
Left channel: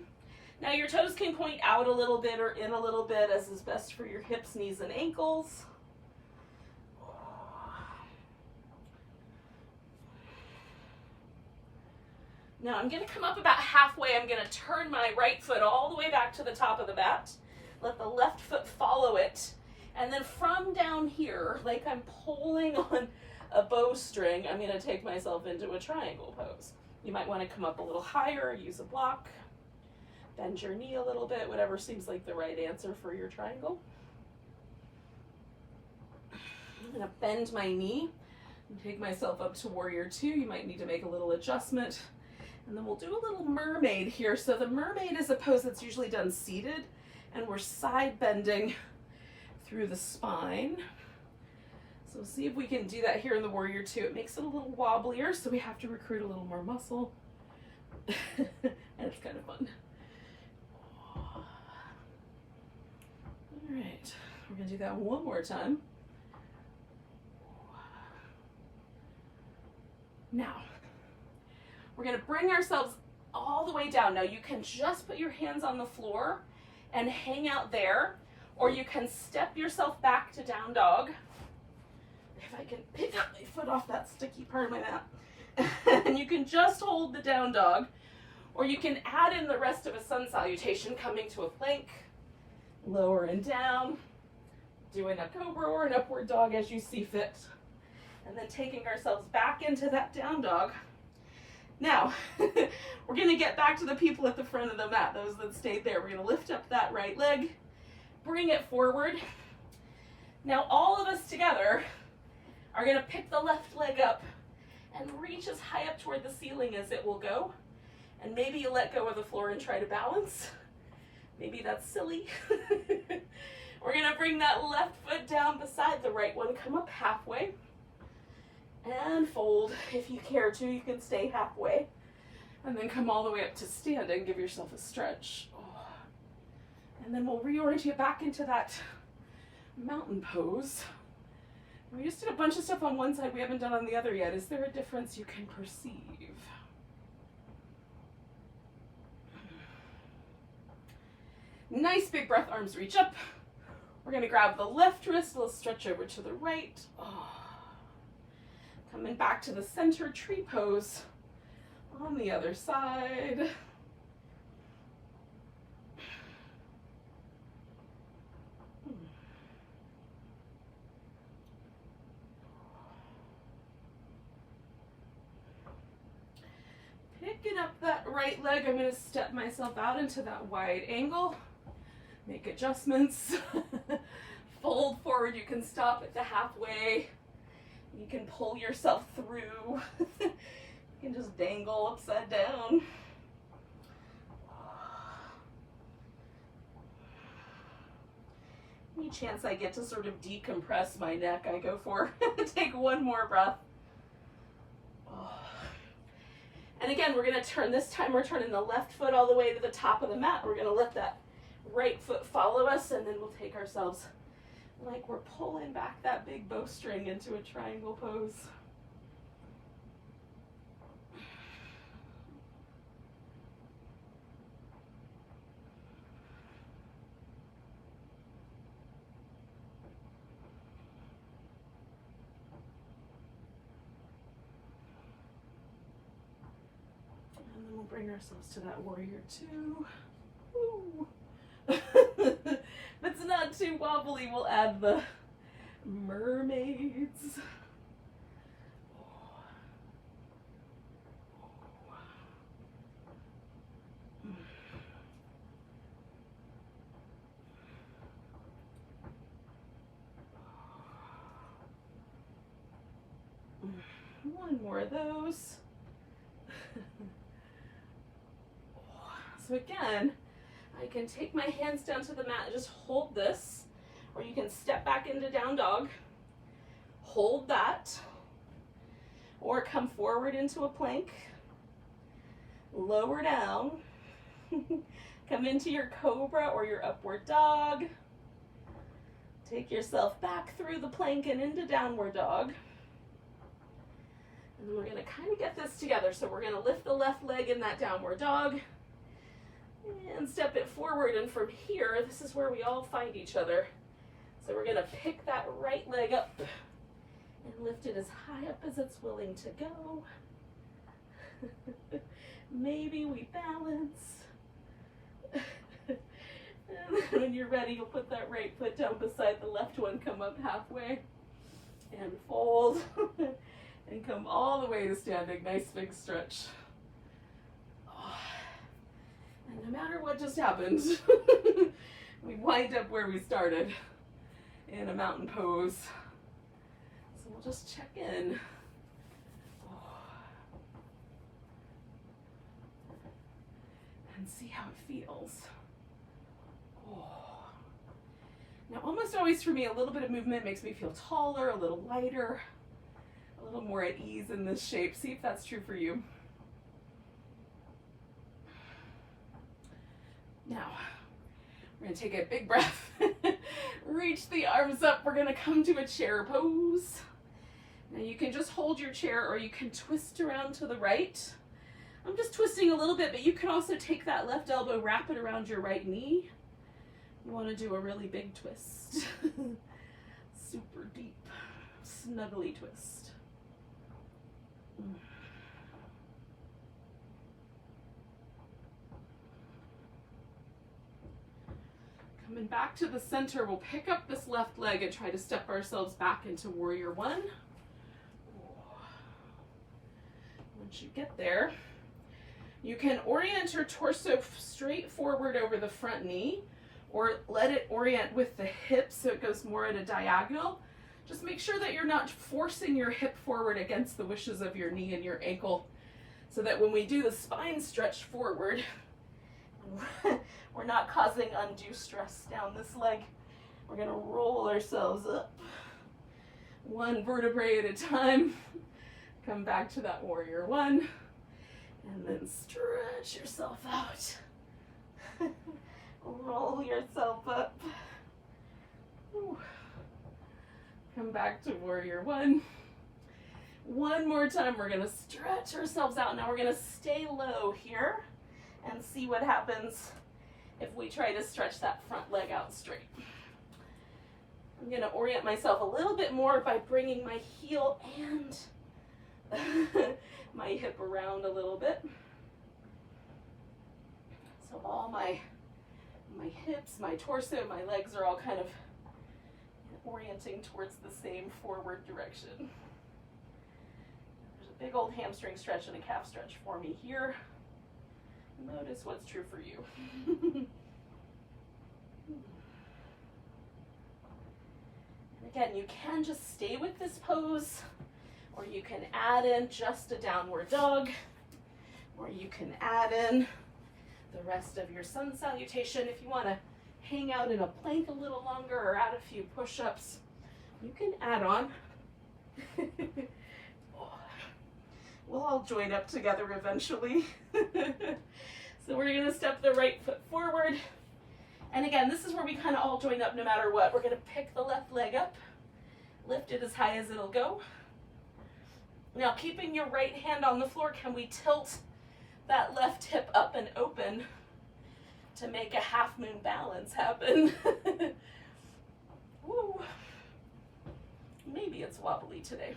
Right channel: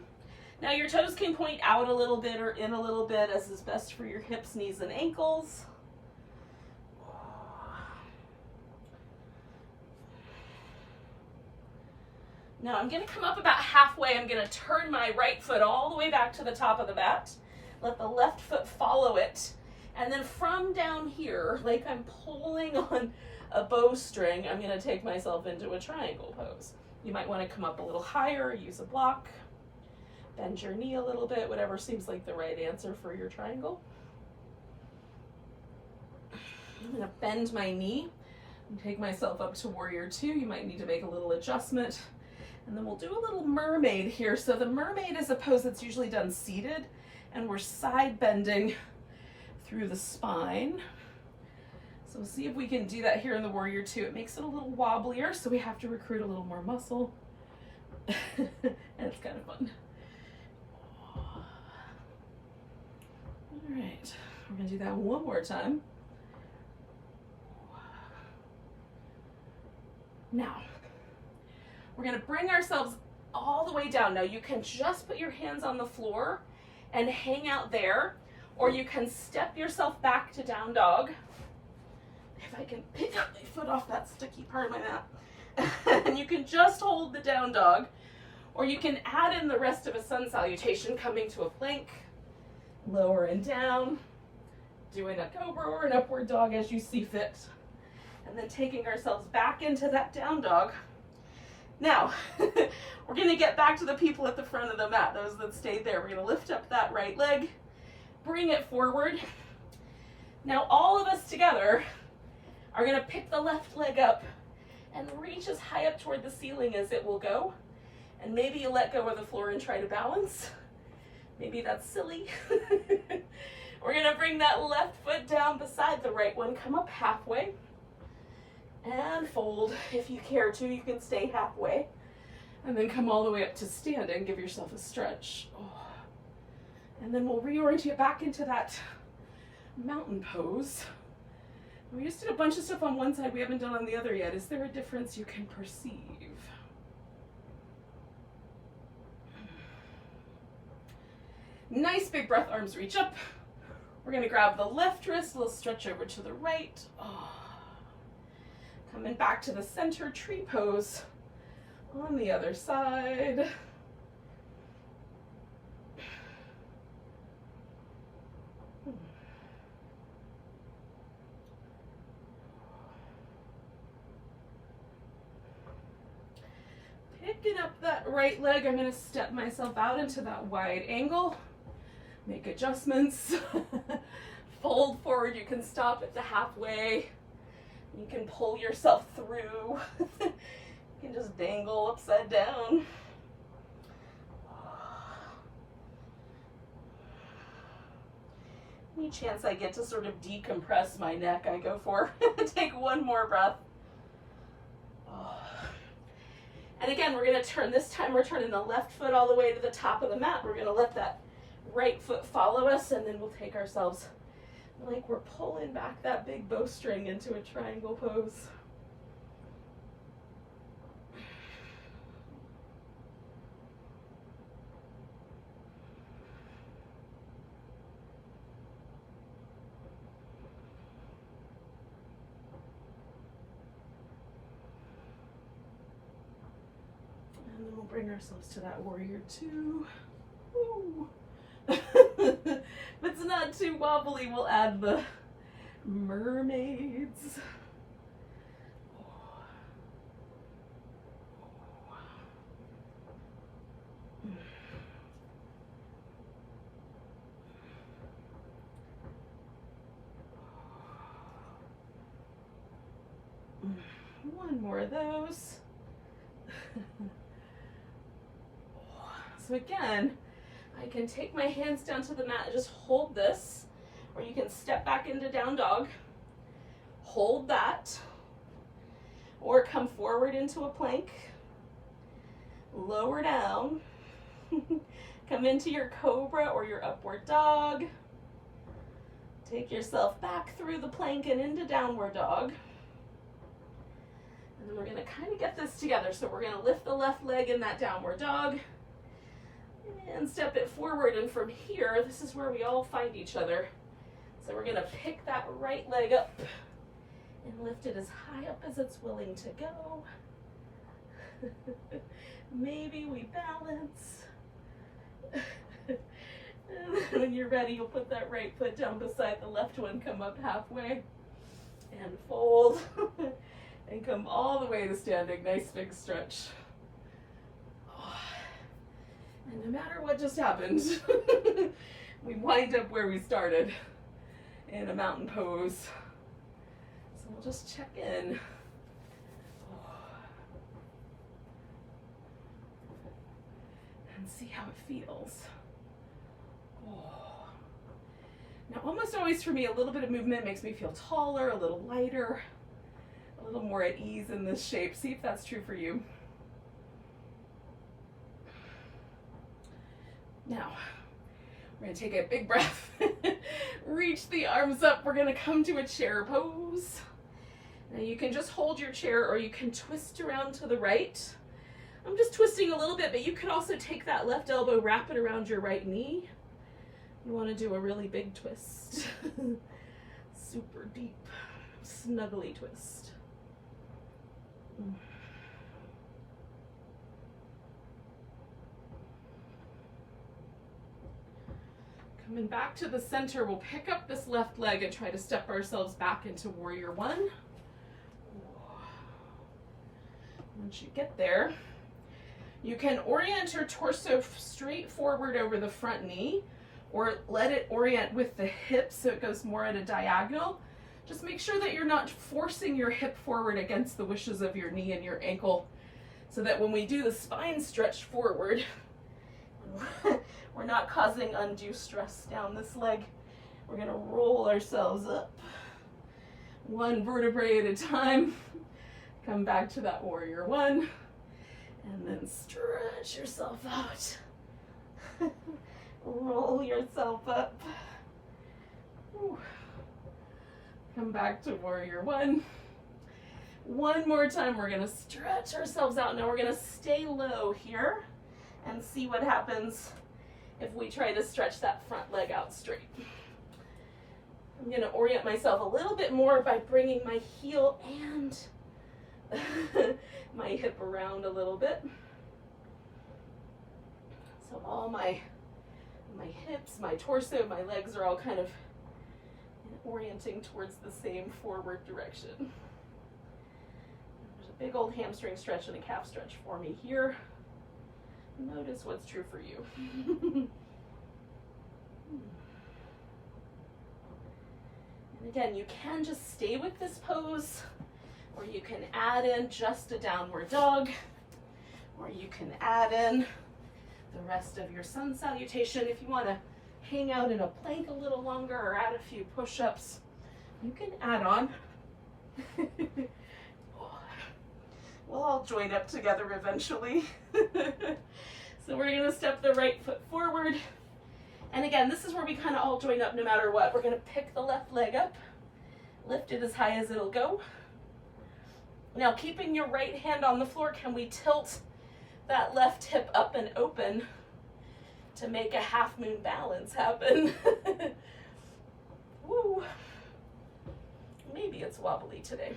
Now your toes can point out a little bit or in a little bit, as is best for your hips, knees, and ankles. Now I'm gonna come up about halfway. I'm gonna turn my right foot all the way back to the top of the mat. Let the left foot follow it. And then from down here, like I'm pulling on a bowstring, I'm gonna take myself into a triangle pose. You might wanna come up a little higher, use a block, bend your knee a little bit, whatever seems like the right answer for your triangle. I'm gonna bend my knee and take myself up to warrior two. You might need to make a little adjustment. And then we'll do a little mermaid here. So the mermaid is a pose that's usually done seated, and we're side bending through the spine. So see if we can do that here in the warrior two. It makes it a little wobblier, so we have to recruit a little more muscle. And it's kind of fun. All right, we're gonna do that one more time. Now, we're gonna bring ourselves all the way down. Now you can just put your hands on the floor and hang out there, or you can step yourself back to down dog. If I can pick up my foot off that sticky part of my mat. And you can just hold the down dog, or you can add in the rest of a sun salutation, coming to a plank, lower and down, doing a cobra or an upward dog as you see fit, and then taking ourselves back into that down dog. Now, we're gonna get back to the people at the front of the mat, those that stayed there. We're gonna lift up that right leg, bring it forward. Now all of us together are gonna pick the left leg up and reach as high up toward the ceiling as it will go. And maybe you let go of the floor and try to balance. Maybe that's silly. We're gonna bring that left foot down beside the right one, come up halfway, and fold. If you care to, you can stay halfway, and then come all the way up to standing. Give yourself a stretch. Oh. And then we'll reorient you back into that mountain pose. We just did a bunch of stuff on one side we haven't done on the other yet. Is there a difference you can perceive? Nice big breath, arms reach up. We're gonna grab the left wrist, we'll stretch over to the right. Oh. Coming back to the center tree pose on the other side. Picking up that right leg, I'm gonna step myself out into that wide angle, make adjustments, fold forward. You can stop at the halfway. You can pull yourself through. You can just dangle upside down. Any chance I get to sort of decompress my neck, I go for. Take one more breath. And again, we're gonna turn, this time we're turning the left foot all the way to the top of the mat. We're gonna let that right foot follow us, and then we'll take ourselves like we're pulling back that big bowstring into a triangle pose. And then we'll bring ourselves to that warrior two. Woo. If it's not too wobbly, we'll add the mermaids. One more of those. So again, I can take my hands down to the mat and just hold this, or you can step back into down dog, hold that, or come forward into a plank, lower down, come into your cobra or your upward dog, take yourself back through the plank and into downward dog. And then we're gonna kind of get this together. So we're gonna lift the left leg in that downward dog and step it forward. And from here, this is where we all find each other. So we're gonna pick that right leg up and lift it as high up as it's willing to go. Maybe we balance. And when you're ready, you'll put that right foot down beside the left one, come up halfway and fold. And come all the way to standing. Nice big stretch. Oh. And no matter what just happened, we wind up where we started in a mountain pose. So we'll just check in. Oh. And see how it feels. Oh. Now, almost always for me, a little bit of movement makes me feel taller, a little lighter, a little more at ease in this shape. See if that's true for you. Now, we're gonna take a big breath. Reach the arms up. We're gonna come to a chair pose. Now you can just hold your chair, or you can twist around to the right. I'm just twisting a little bit, but you can also take that left elbow, wrap it around your right knee. You wanna do a really big twist. Super deep, snuggly twist. Coming back to the center, we'll pick up this left leg and try to step ourselves back into warrior one. Once you get there, you can orient your torso straight forward over the front knee, or let it orient with the hips so it goes more at a diagonal. Just make sure that you're not forcing your hip forward against the wishes of your knee and your ankle, so that when we do the spine stretch forward, we're not causing undue stress down this leg. We're gonna roll ourselves up one vertebrae at a time. Come back to that warrior one, and then stretch yourself out. Roll yourself up. Whew. Come back to warrior one. One more time, we're gonna stretch ourselves out. Now we're gonna stay low here and see what happens if we try to stretch that front leg out straight. I'm gonna orient myself a little bit more by bringing my heel and my hip around a little bit. So all my hips, my torso, my legs are all kind of orienting towards the same forward direction. There's a big old hamstring stretch and a calf stretch for me here. Notice what's true for you. And again, you can just stay with this pose, or you can add in just a downward dog, or you can add in the rest of your sun salutation. If you want to hang out in a plank a little longer or add a few push-ups, you can add on. We'll all join up together eventually. So we're going to step the right foot forward And again, this is where we kind of all join up no matter what. We're going to pick the left leg up, lift it as high as it'll go. Now, keeping your right hand on the floor, can we tilt that left hip up and open to make a half moon balance happen? Woo. Maybe it's wobbly today.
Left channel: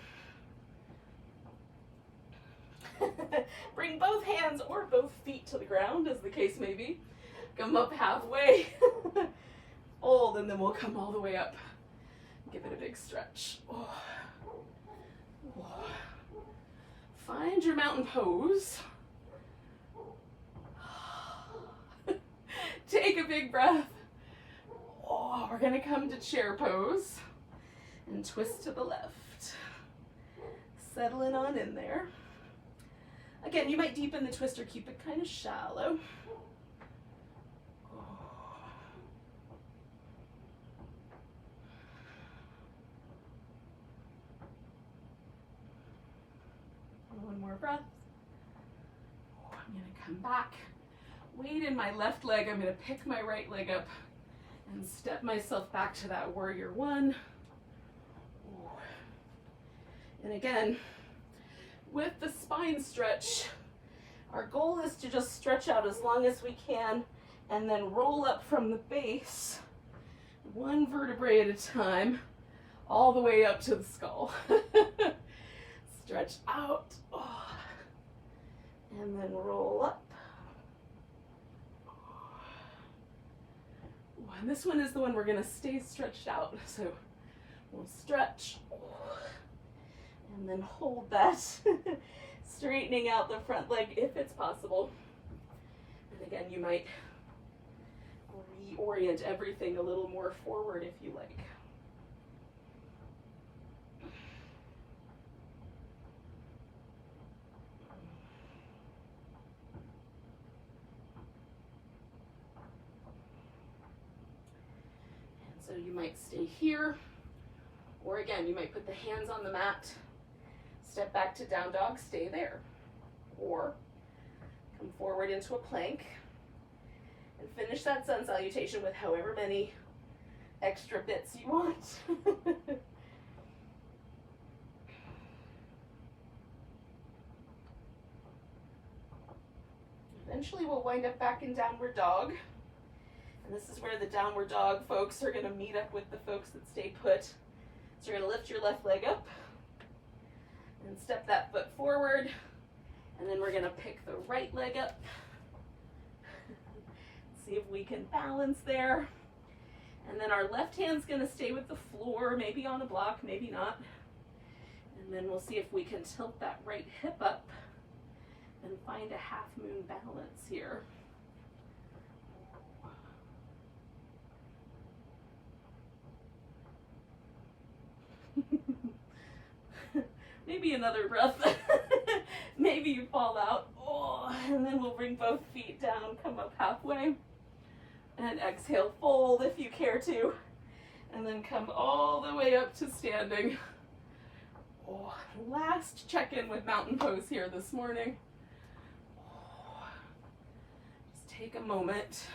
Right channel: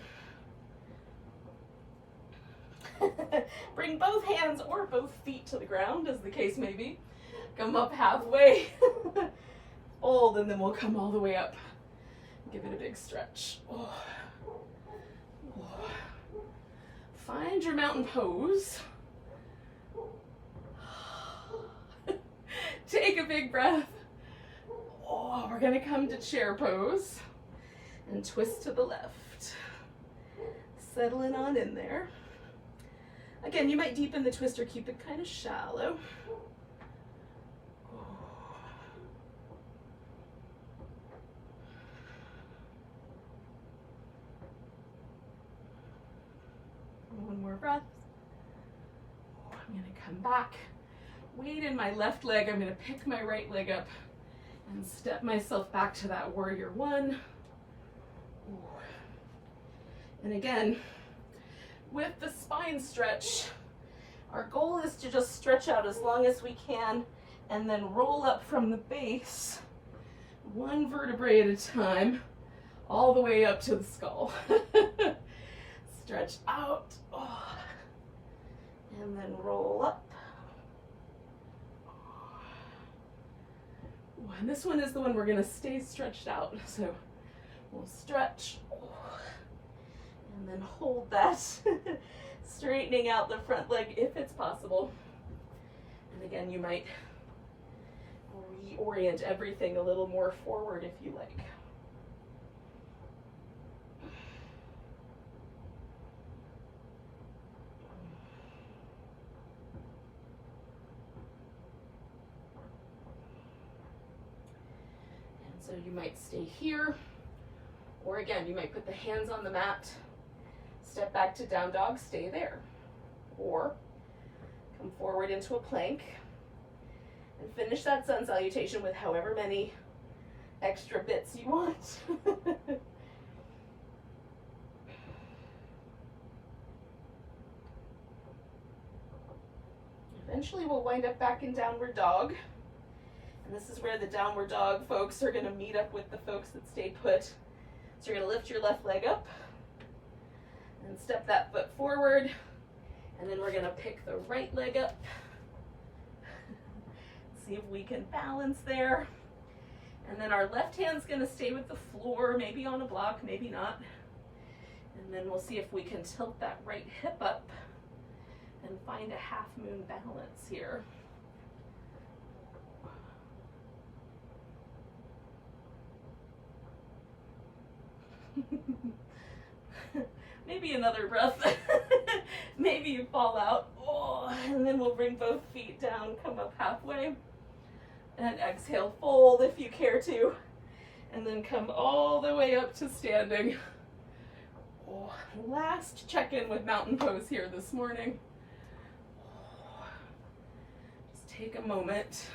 Bring both hands or both feet to the ground, as the case may be. Come up halfway. Hold, and then we'll come all the way up. Give it a big stretch. Oh. Oh. Find your mountain pose. Take a big breath. Oh, we're gonna come to chair pose and twist to the left. Settling on in there. Again, you might deepen the twist or keep it kind of shallow. One more breath. Oh, I'm going to come back. Weight in my left leg. I'm going to pick my right leg up and step myself back to that warrior one. Ooh. And again, with the spine stretch, our goal is to just stretch out as long as we can and then roll up from the base, one vertebrae at a time, all the way up to the skull. Stretch out, oh, and then roll up. Oh, and this one is the one we're going to stay stretched out. So we'll stretch, oh, and then hold that, straightening out the front leg if it's possible. And again, you might reorient everything a little more forward if you like. So you might stay here, or again, you might put the hands on the mat, step back to down dog, stay there, or come forward into a plank and finish that sun salutation with however many extra bits you want. Eventually we'll wind up back in downward dog. And this is where the downward dog folks are going to meet up with the folks that stay put. So you're going to lift your left leg up and step that foot forward. And then we're going to pick the right leg up. See if we can balance there. And then our left hand's going to stay with the floor, maybe on a block, maybe not. And then we'll see if we can tilt that right hip up and find a half moon balance here. Maybe another breath. Maybe you fall out. Oh, and then we'll bring both feet down, come up halfway. And exhale, fold if you care to. And then come all the way up to standing. Oh, last check-in with mountain pose here this morning. Oh, just take a moment.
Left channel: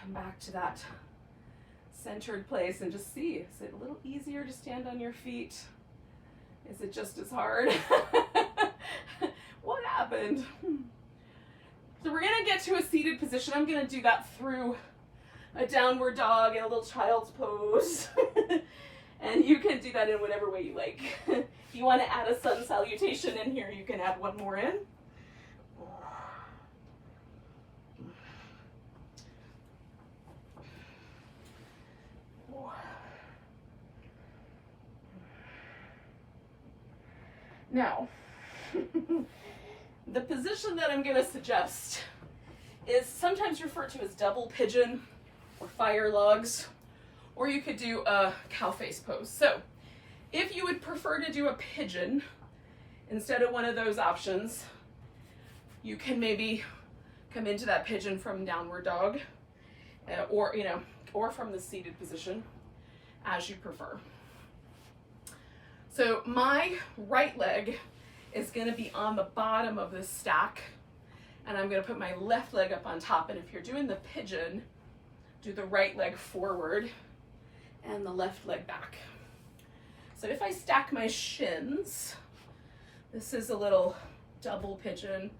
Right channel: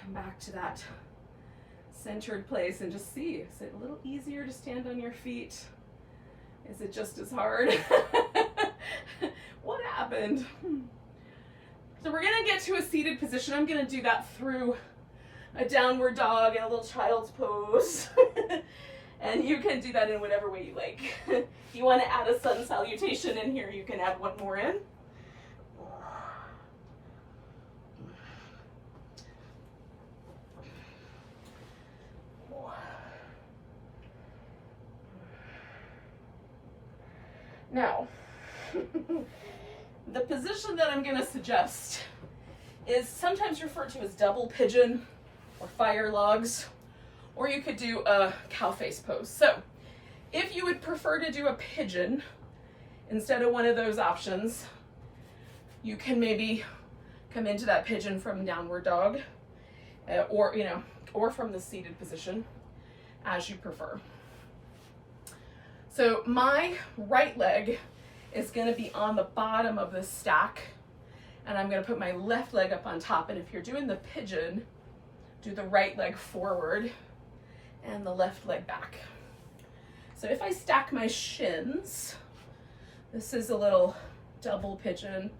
Come back to that centered place and just see, is it a little easier to stand on your feet? Is it just as hard? What happened? So we're gonna get to a seated position. I'm gonna do that through a downward dog and a little child's pose. And you can do that in whatever way you like. If you want to add a sun salutation in here, you can add one more in. Now, the position that I'm going to suggest is sometimes referred to as double pigeon or fire logs, or you could do a cow face pose. So if you would prefer to do a pigeon instead of one of those options, you can maybe come into that pigeon from downward dog, or from the seated position, as you prefer. So my right leg is going to be on the bottom of the stack, and I'm going to put my left leg up on top. And if you're doing the pigeon, do the right leg forward and the left leg back. So if I stack my shins, this is a little double pigeon.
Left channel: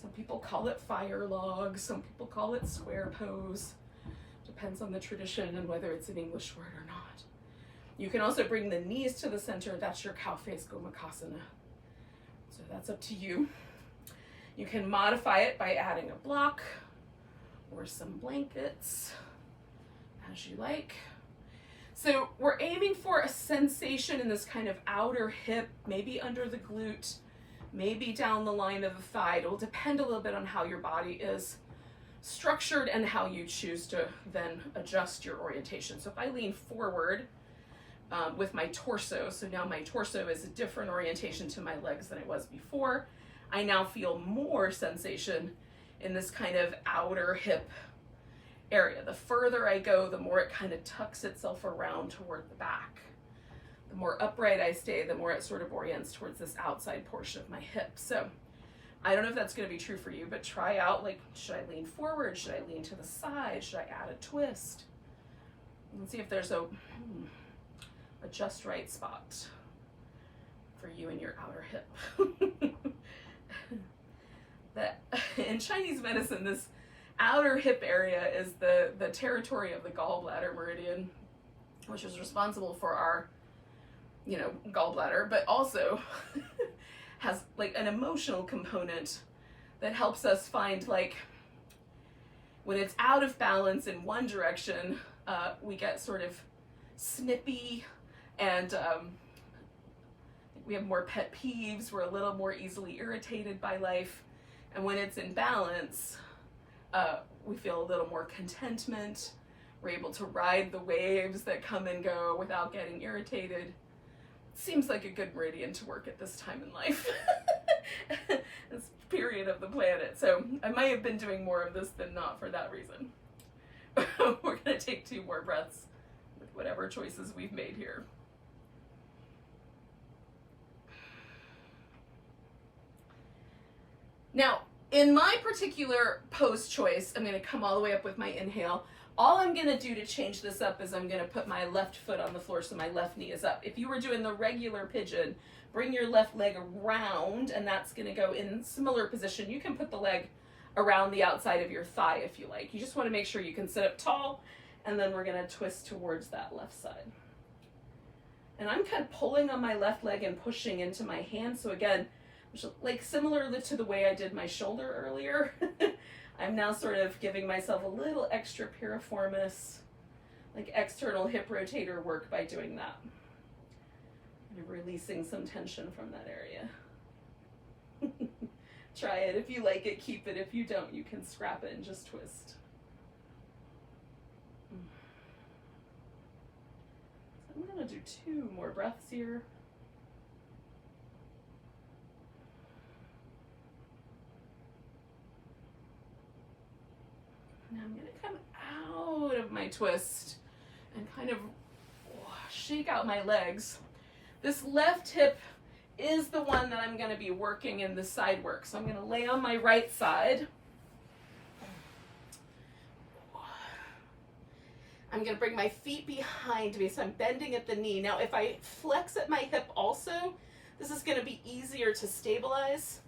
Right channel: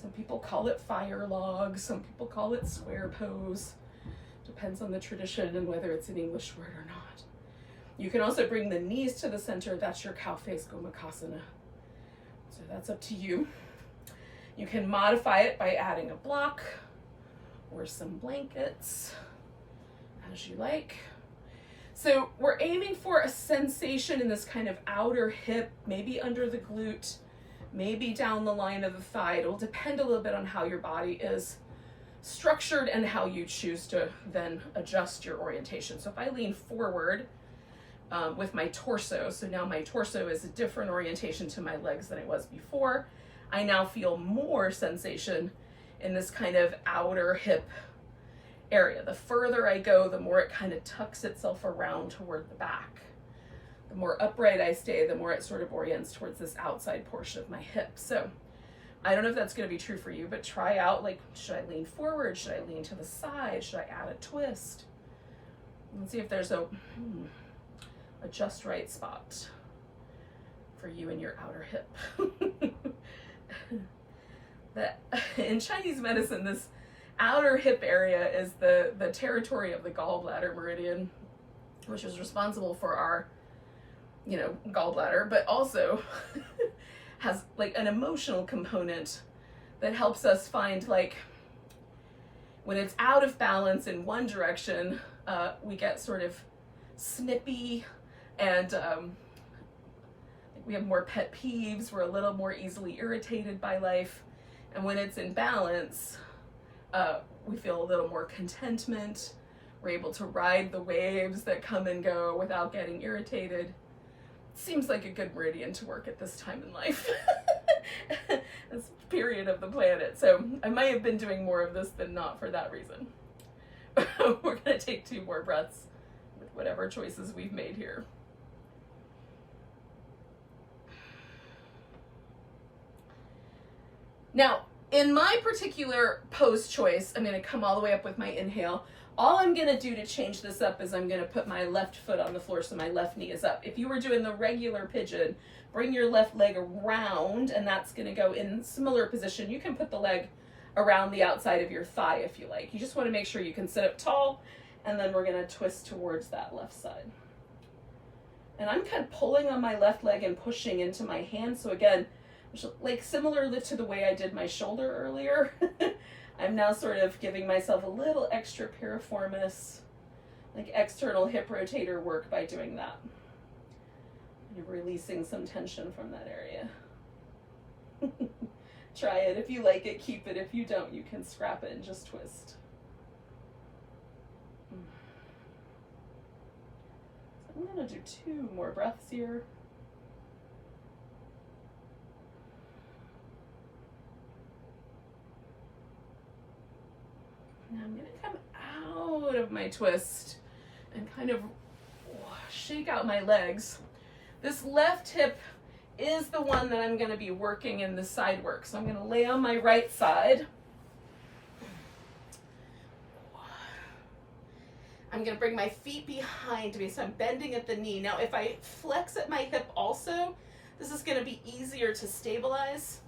Some people call it fire log, some people call it square pose. Depends on the tradition and whether it's an English word or not. You can also bring the knees to the center. That's your cow face gomukhasana. So that's up to you. You can modify it by adding a block or some blankets, as you like. So we're aiming for a sensation in this kind of outer hip, maybe under the glute, maybe down the line of the thigh. It will depend a little bit on how your body is structured and how you choose to then adjust your orientation. So if I lean forward with my torso, so now my torso is a different orientation to my legs than it was before, I now feel more sensation in this kind of outer hip area. The further I go, the more it kind of tucks itself around toward the back. The more upright I stay, the more it sort of orients towards this outside portion of my hip. So I don't know if that's going to be true for you, but try out, like, should I lean forward? Should I lean to the side? Should I add a twist? Let's see if there's a just right spot for you in your outer hip. That in Chinese medicine, this outer hip area is the territory of the gallbladder meridian, which is responsible for our, gallbladder, but also has like an emotional component that helps us find, like, when it's out of balance in one direction, we get sort of snippy and we have more pet peeves. We're a little more easily irritated by life. And when it's in balance, we feel a little more contentment. We're able to ride the waves that come and go without getting irritated. Seems like a good meridian to work at this time in life. This period of the planet. So I might have been doing more of this than not for that reason. We're going to take 2 more breaths with whatever choices we've made here. Now, in my particular pose choice, I'm going to come all the way up with my inhale. All I'm going to do to change this up is I'm going to put my left foot on the floor so my left knee is up. If you were doing the regular pigeon, bring your left leg around, and that's going to go in similar position. You can put the leg around the outside of your thigh if you like. You just want to make sure you can sit up tall, and then we're going to twist towards that left side. And I'm kind of pulling on my left leg and pushing into my hand. So again, like similar to the way I did my shoulder earlier, I'm now sort of giving myself a little extra piriformis, like external hip rotator work by doing that. You're releasing some tension from that area. Try it. If you like it, keep it. If you don't, you can scrap it and just twist. So I'm going to do 2 more breaths here. Now I'm going to come out of my twist and kind of shake out my legs. This left hip is the one that I'm going to be working in the side work. So I'm going to lay on my right side. I'm going to bring my feet behind me, so I'm bending at the knee. Now, if I flex at my hip also, this is going to be easier to stabilize.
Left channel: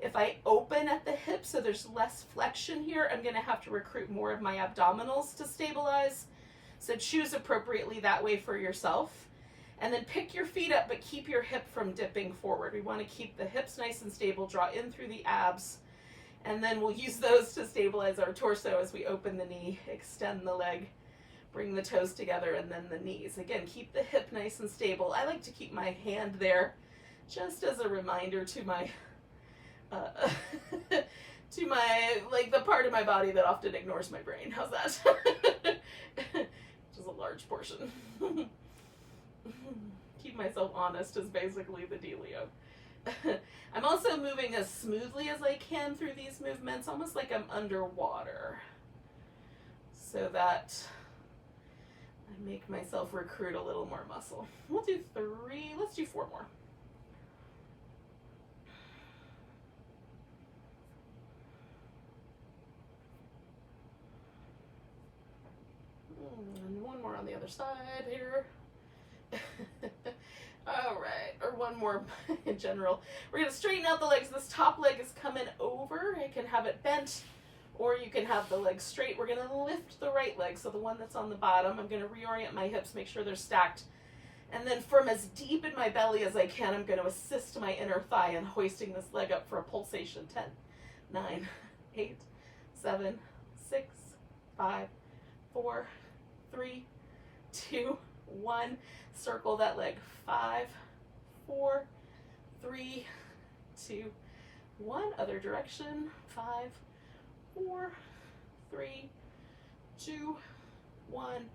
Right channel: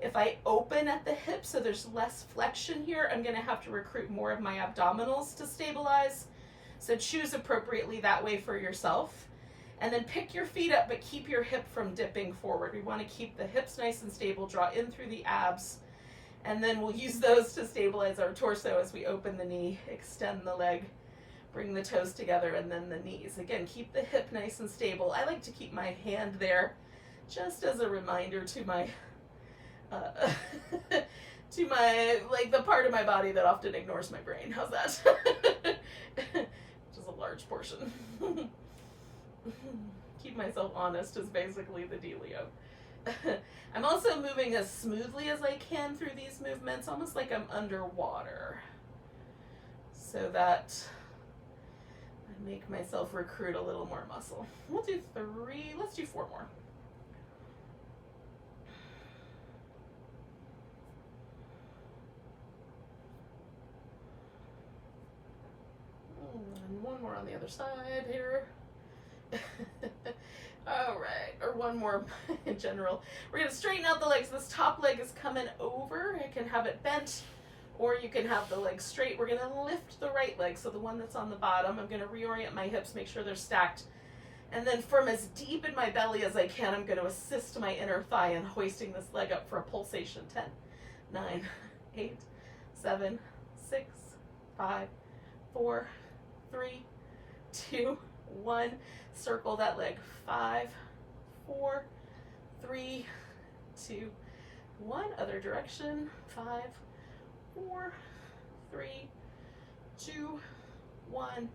If I open at the hip, so there's less flexion here, I'm going to have to recruit more of my abdominals to stabilize. So choose appropriately that way for yourself. And then pick your feet up, but keep your hip from dipping forward. We want to keep the hips nice and stable, draw in through the abs, and then we'll use those to stabilize our torso as we open the knee, extend the leg, bring the toes together, and then the knees. Again, keep the hip nice and stable. I like to keep my hand there just as a reminder to my like the part of my body that often ignores my brain. How's that? Which is a large portion. Keep myself honest is basically the dealio. I'm also moving as smoothly as I can through these movements, almost like I'm underwater, so that I make myself recruit a little more muscle. We'll do 3, let's do 4 more. on the other side here. All right, or one more in general. We're gonna straighten out the legs. This top leg is coming over. You can have it bent, or you can have the leg straight. We're gonna lift the right leg, so the one that's on the bottom. I'm gonna reorient my hips, make sure they're stacked. And then from as deep in my belly as I can, I'm gonna assist my inner thigh in hoisting this leg up for a pulsation. 10, 9, 8, 7, 6, 5, 4, 3, 2, 1. Circle that leg. 5, 4, 3, 2, 1. Other direction. 5, 4, 3, 2, 1.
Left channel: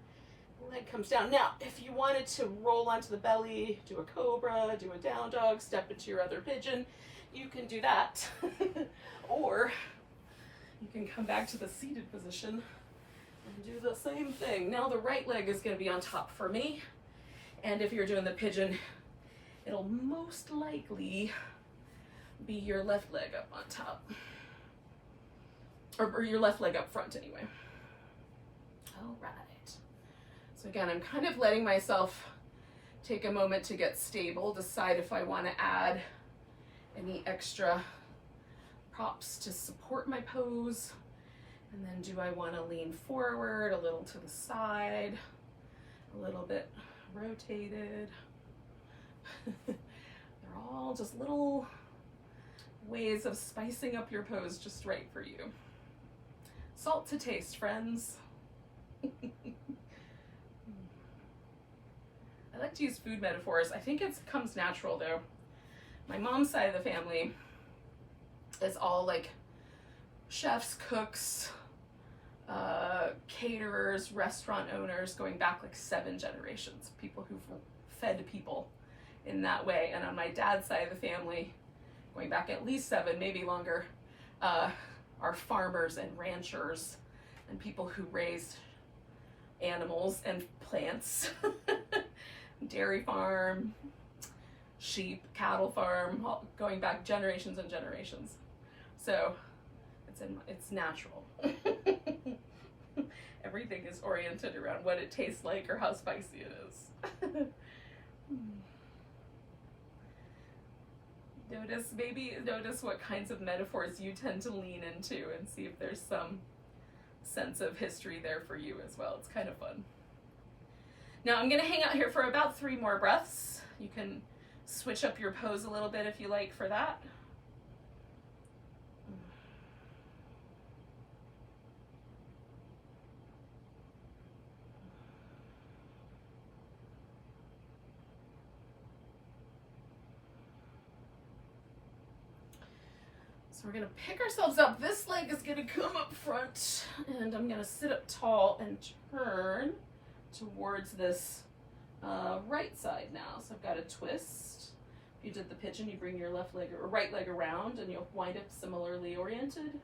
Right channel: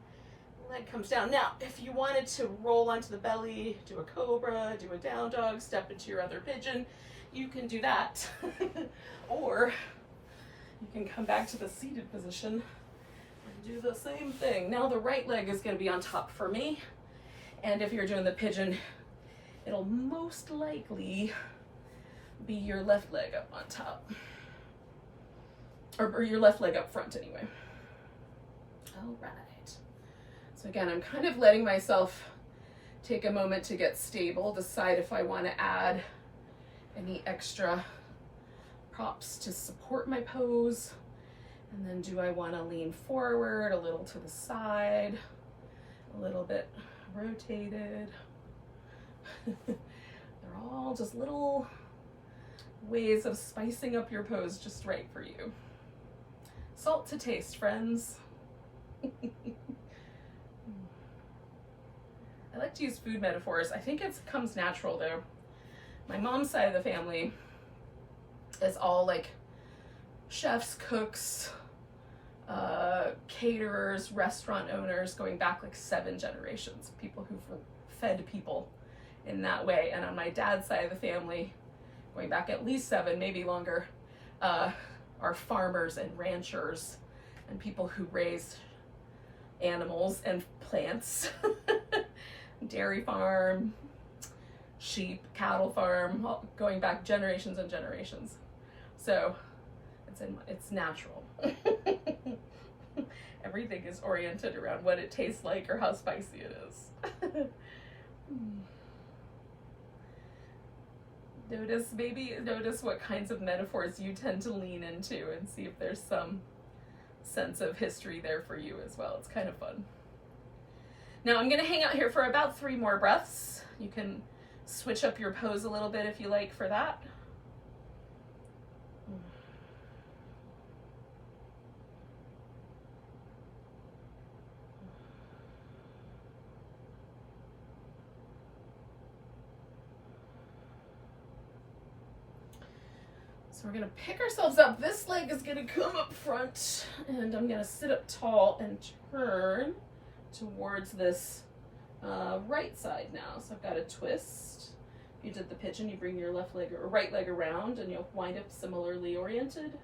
Leg comes down. Now, if you wanted to roll onto the belly, do a cobra, do a down dog, step into your other pigeon, you can do that. Or you can come back to the seated position and do the same thing. Now the right leg is going to be on top for me. And if you're doing the pigeon, it'll most likely be your left leg up on top. Or your left leg up front anyway. All right. So again, I'm kind of letting myself take a moment to get stable, decide if I want to add any extra props to support my pose. And then do I want to lean forward, a little to the side, a little bit rotated. They're all just little ways of spicing up your pose just right for you. Salt to taste, friends. I like to use food metaphors. I think it comes natural though. My mom's side of the family is all like chefs, cooks, caterers, restaurant owners, going back like 7 generations, people who fed people in that way. And on my dad's side of the family, going back at least 7, maybe longer, are farmers and ranchers and people who raise animals and plants. Dairy farm, sheep, cattle farm, going back generations and generations. So it's natural. Everything is oriented around what it tastes like or how spicy it is. Notice what kinds of metaphors you tend to lean into and see if there's some sense of history there for you as well. It's kind of fun. Now I'm gonna hang out here for about 3 more breaths. You can switch up your pose a little bit if you like for that. So we're gonna pick ourselves up. This leg is gonna come up front and I'm gonna sit up tall and turn towards this right side now. So I've got a twist. If you did the pigeon, you bring your left leg or right leg around and you'll wind up similarly oriented.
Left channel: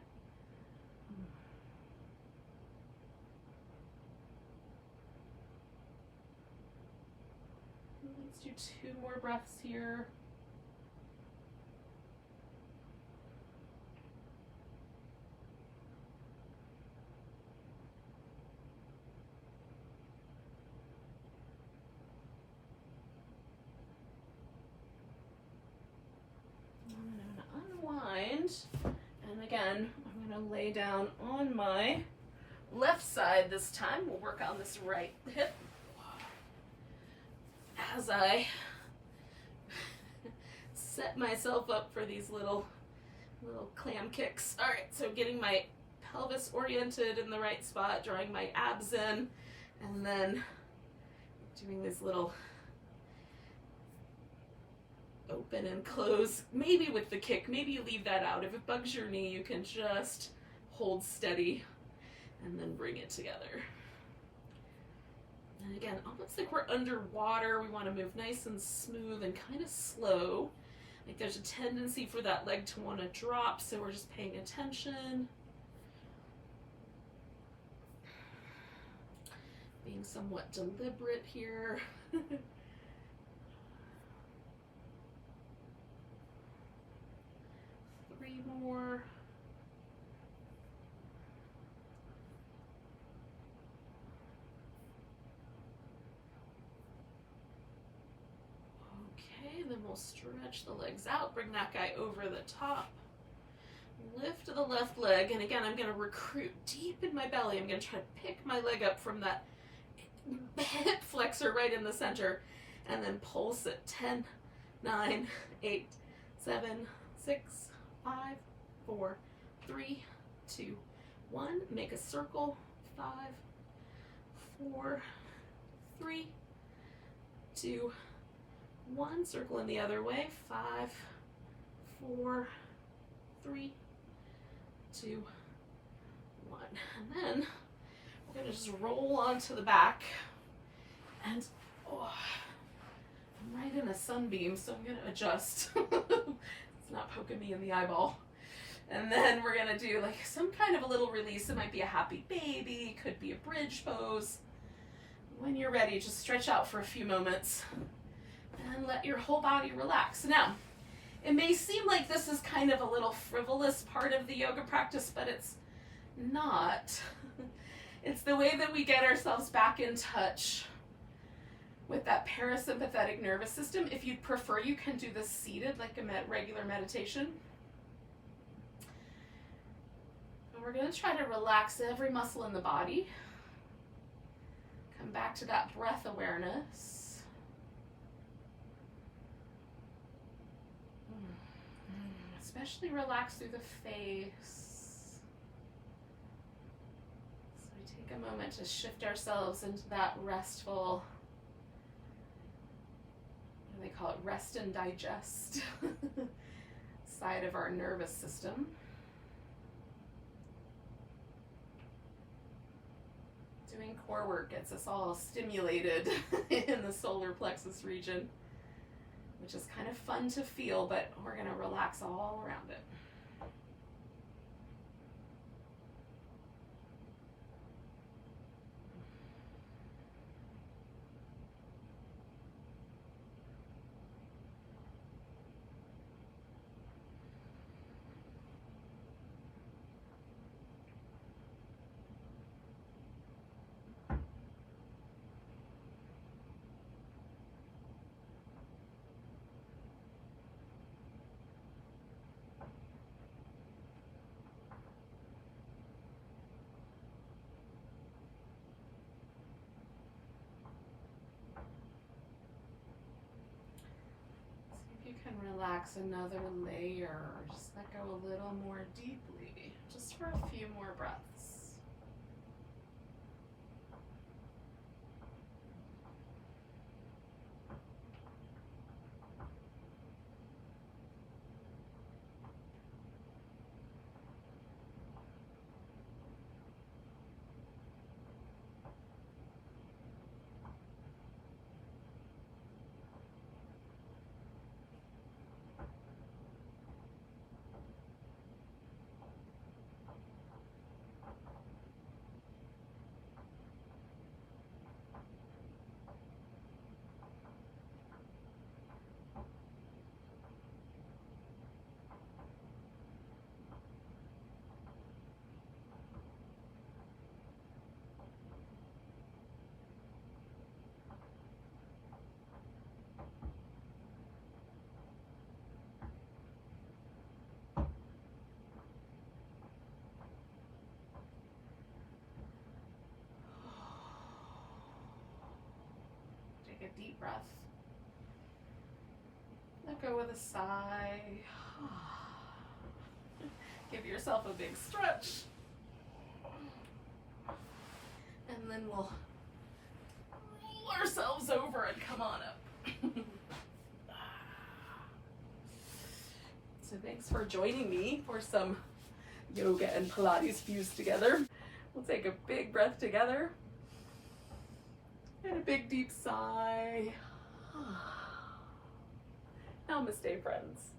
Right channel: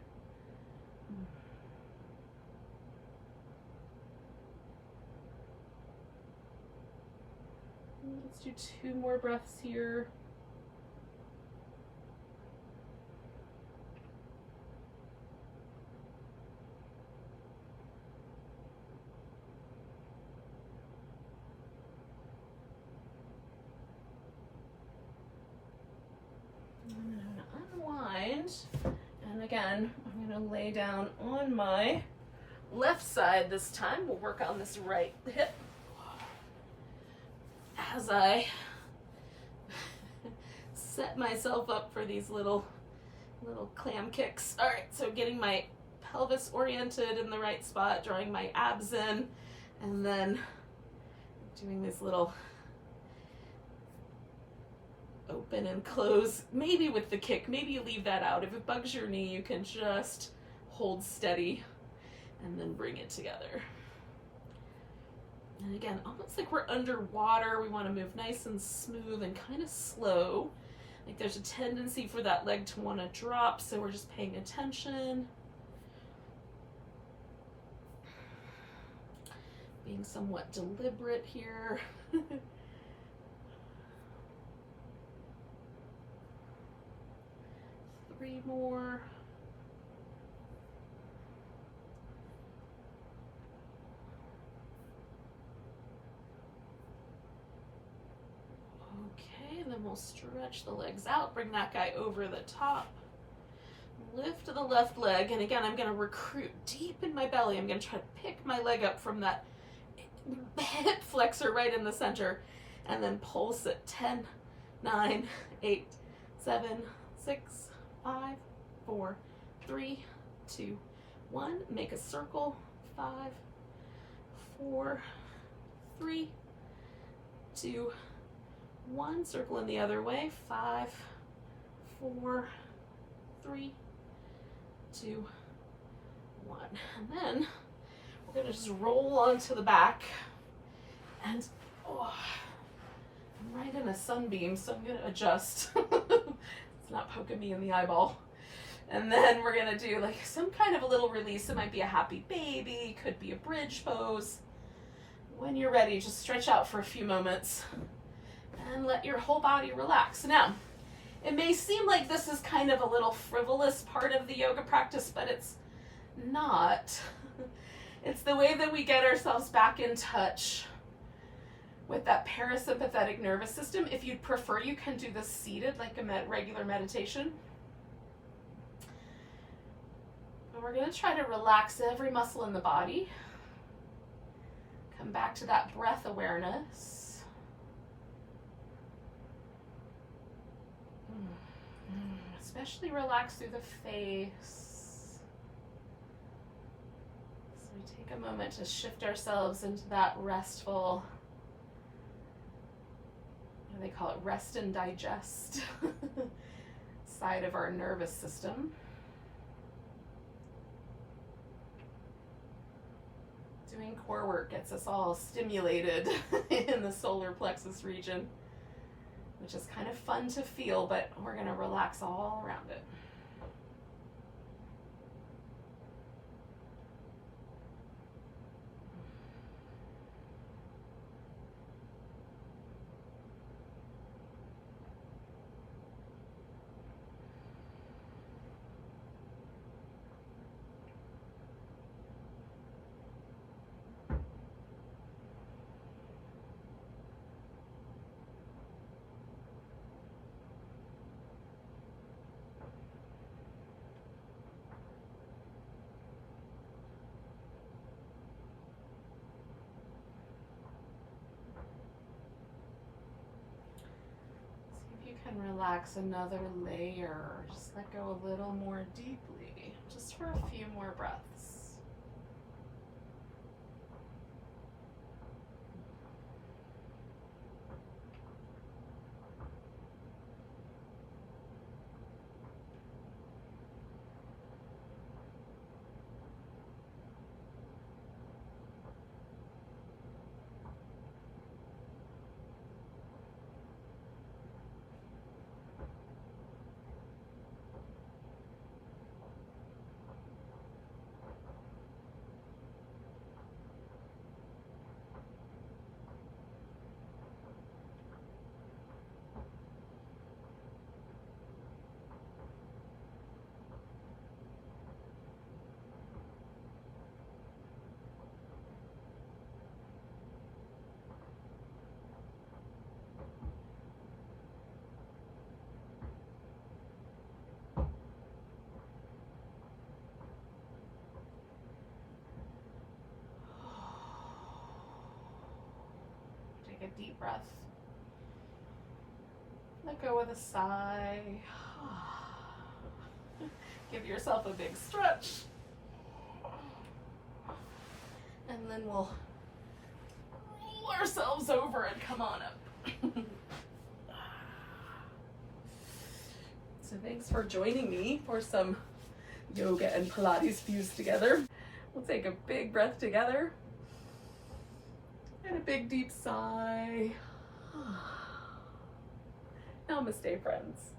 Let's do 2 more breaths here. Unwind, and again I'm going to lay down on my left side this time. We'll work on this right hip as I set myself up for these little clam kicks. All right, so getting my pelvis oriented in the right spot, drawing my abs in, and then doing this little open and close, maybe with the kick, maybe you leave that out. If it bugs your knee, you can just hold steady and then bring it together. And again, almost like we're underwater. We want to move nice and smooth and kind of slow. Like there's a tendency for that leg to want to drop, so we're just paying attention. Being somewhat deliberate here. 3 more. stretch the legs out, bring that guy over the top. Lift the left leg, and again, I'm going to recruit deep in my belly. I'm going to try to pick my leg up from that hip flexor right in the center, and then pulse it. 10, 9, 8, 7, 6, 5, 4, 3, 2, 1. Make a circle. 5, 4, 3, 2, 1. Circle in the other way. 5, 4, 3, 2, 1. And then we're going to just roll onto the back. And I'm right in a sunbeam, so I'm going to adjust. It's not poking me in the eyeball. And then we're going to do like some kind of a little release. It might be a happy baby, could be a bridge pose. When you're ready, just stretch out for a few moments and let your whole body relax. Now, it may seem like this is kind of a little frivolous part of the yoga practice, but it's not. It's the way that we get ourselves back in touch with that parasympathetic nervous system. If you'd prefer, you can do this seated like a regular meditation. And we're going to try to relax every muscle in the body. Come back to that breath awareness. Especially relax through the face. So we take a moment to shift ourselves into that restful, they call it rest and digest side of our nervous system. Doing core work gets us all stimulated in the solar plexus region, which is kind of fun to feel, but we're going to relax all around it. Can relax another layer. Just let go a little more deeply, just for a few more breaths. Take a deep breath. Let go with a sigh. Give yourself a big stretch. And then we'll roll ourselves over and come on up. So thanks for joining me for some yoga and Pilates fused together. We'll take a big breath together. And a big deep sigh. Namaste, friends.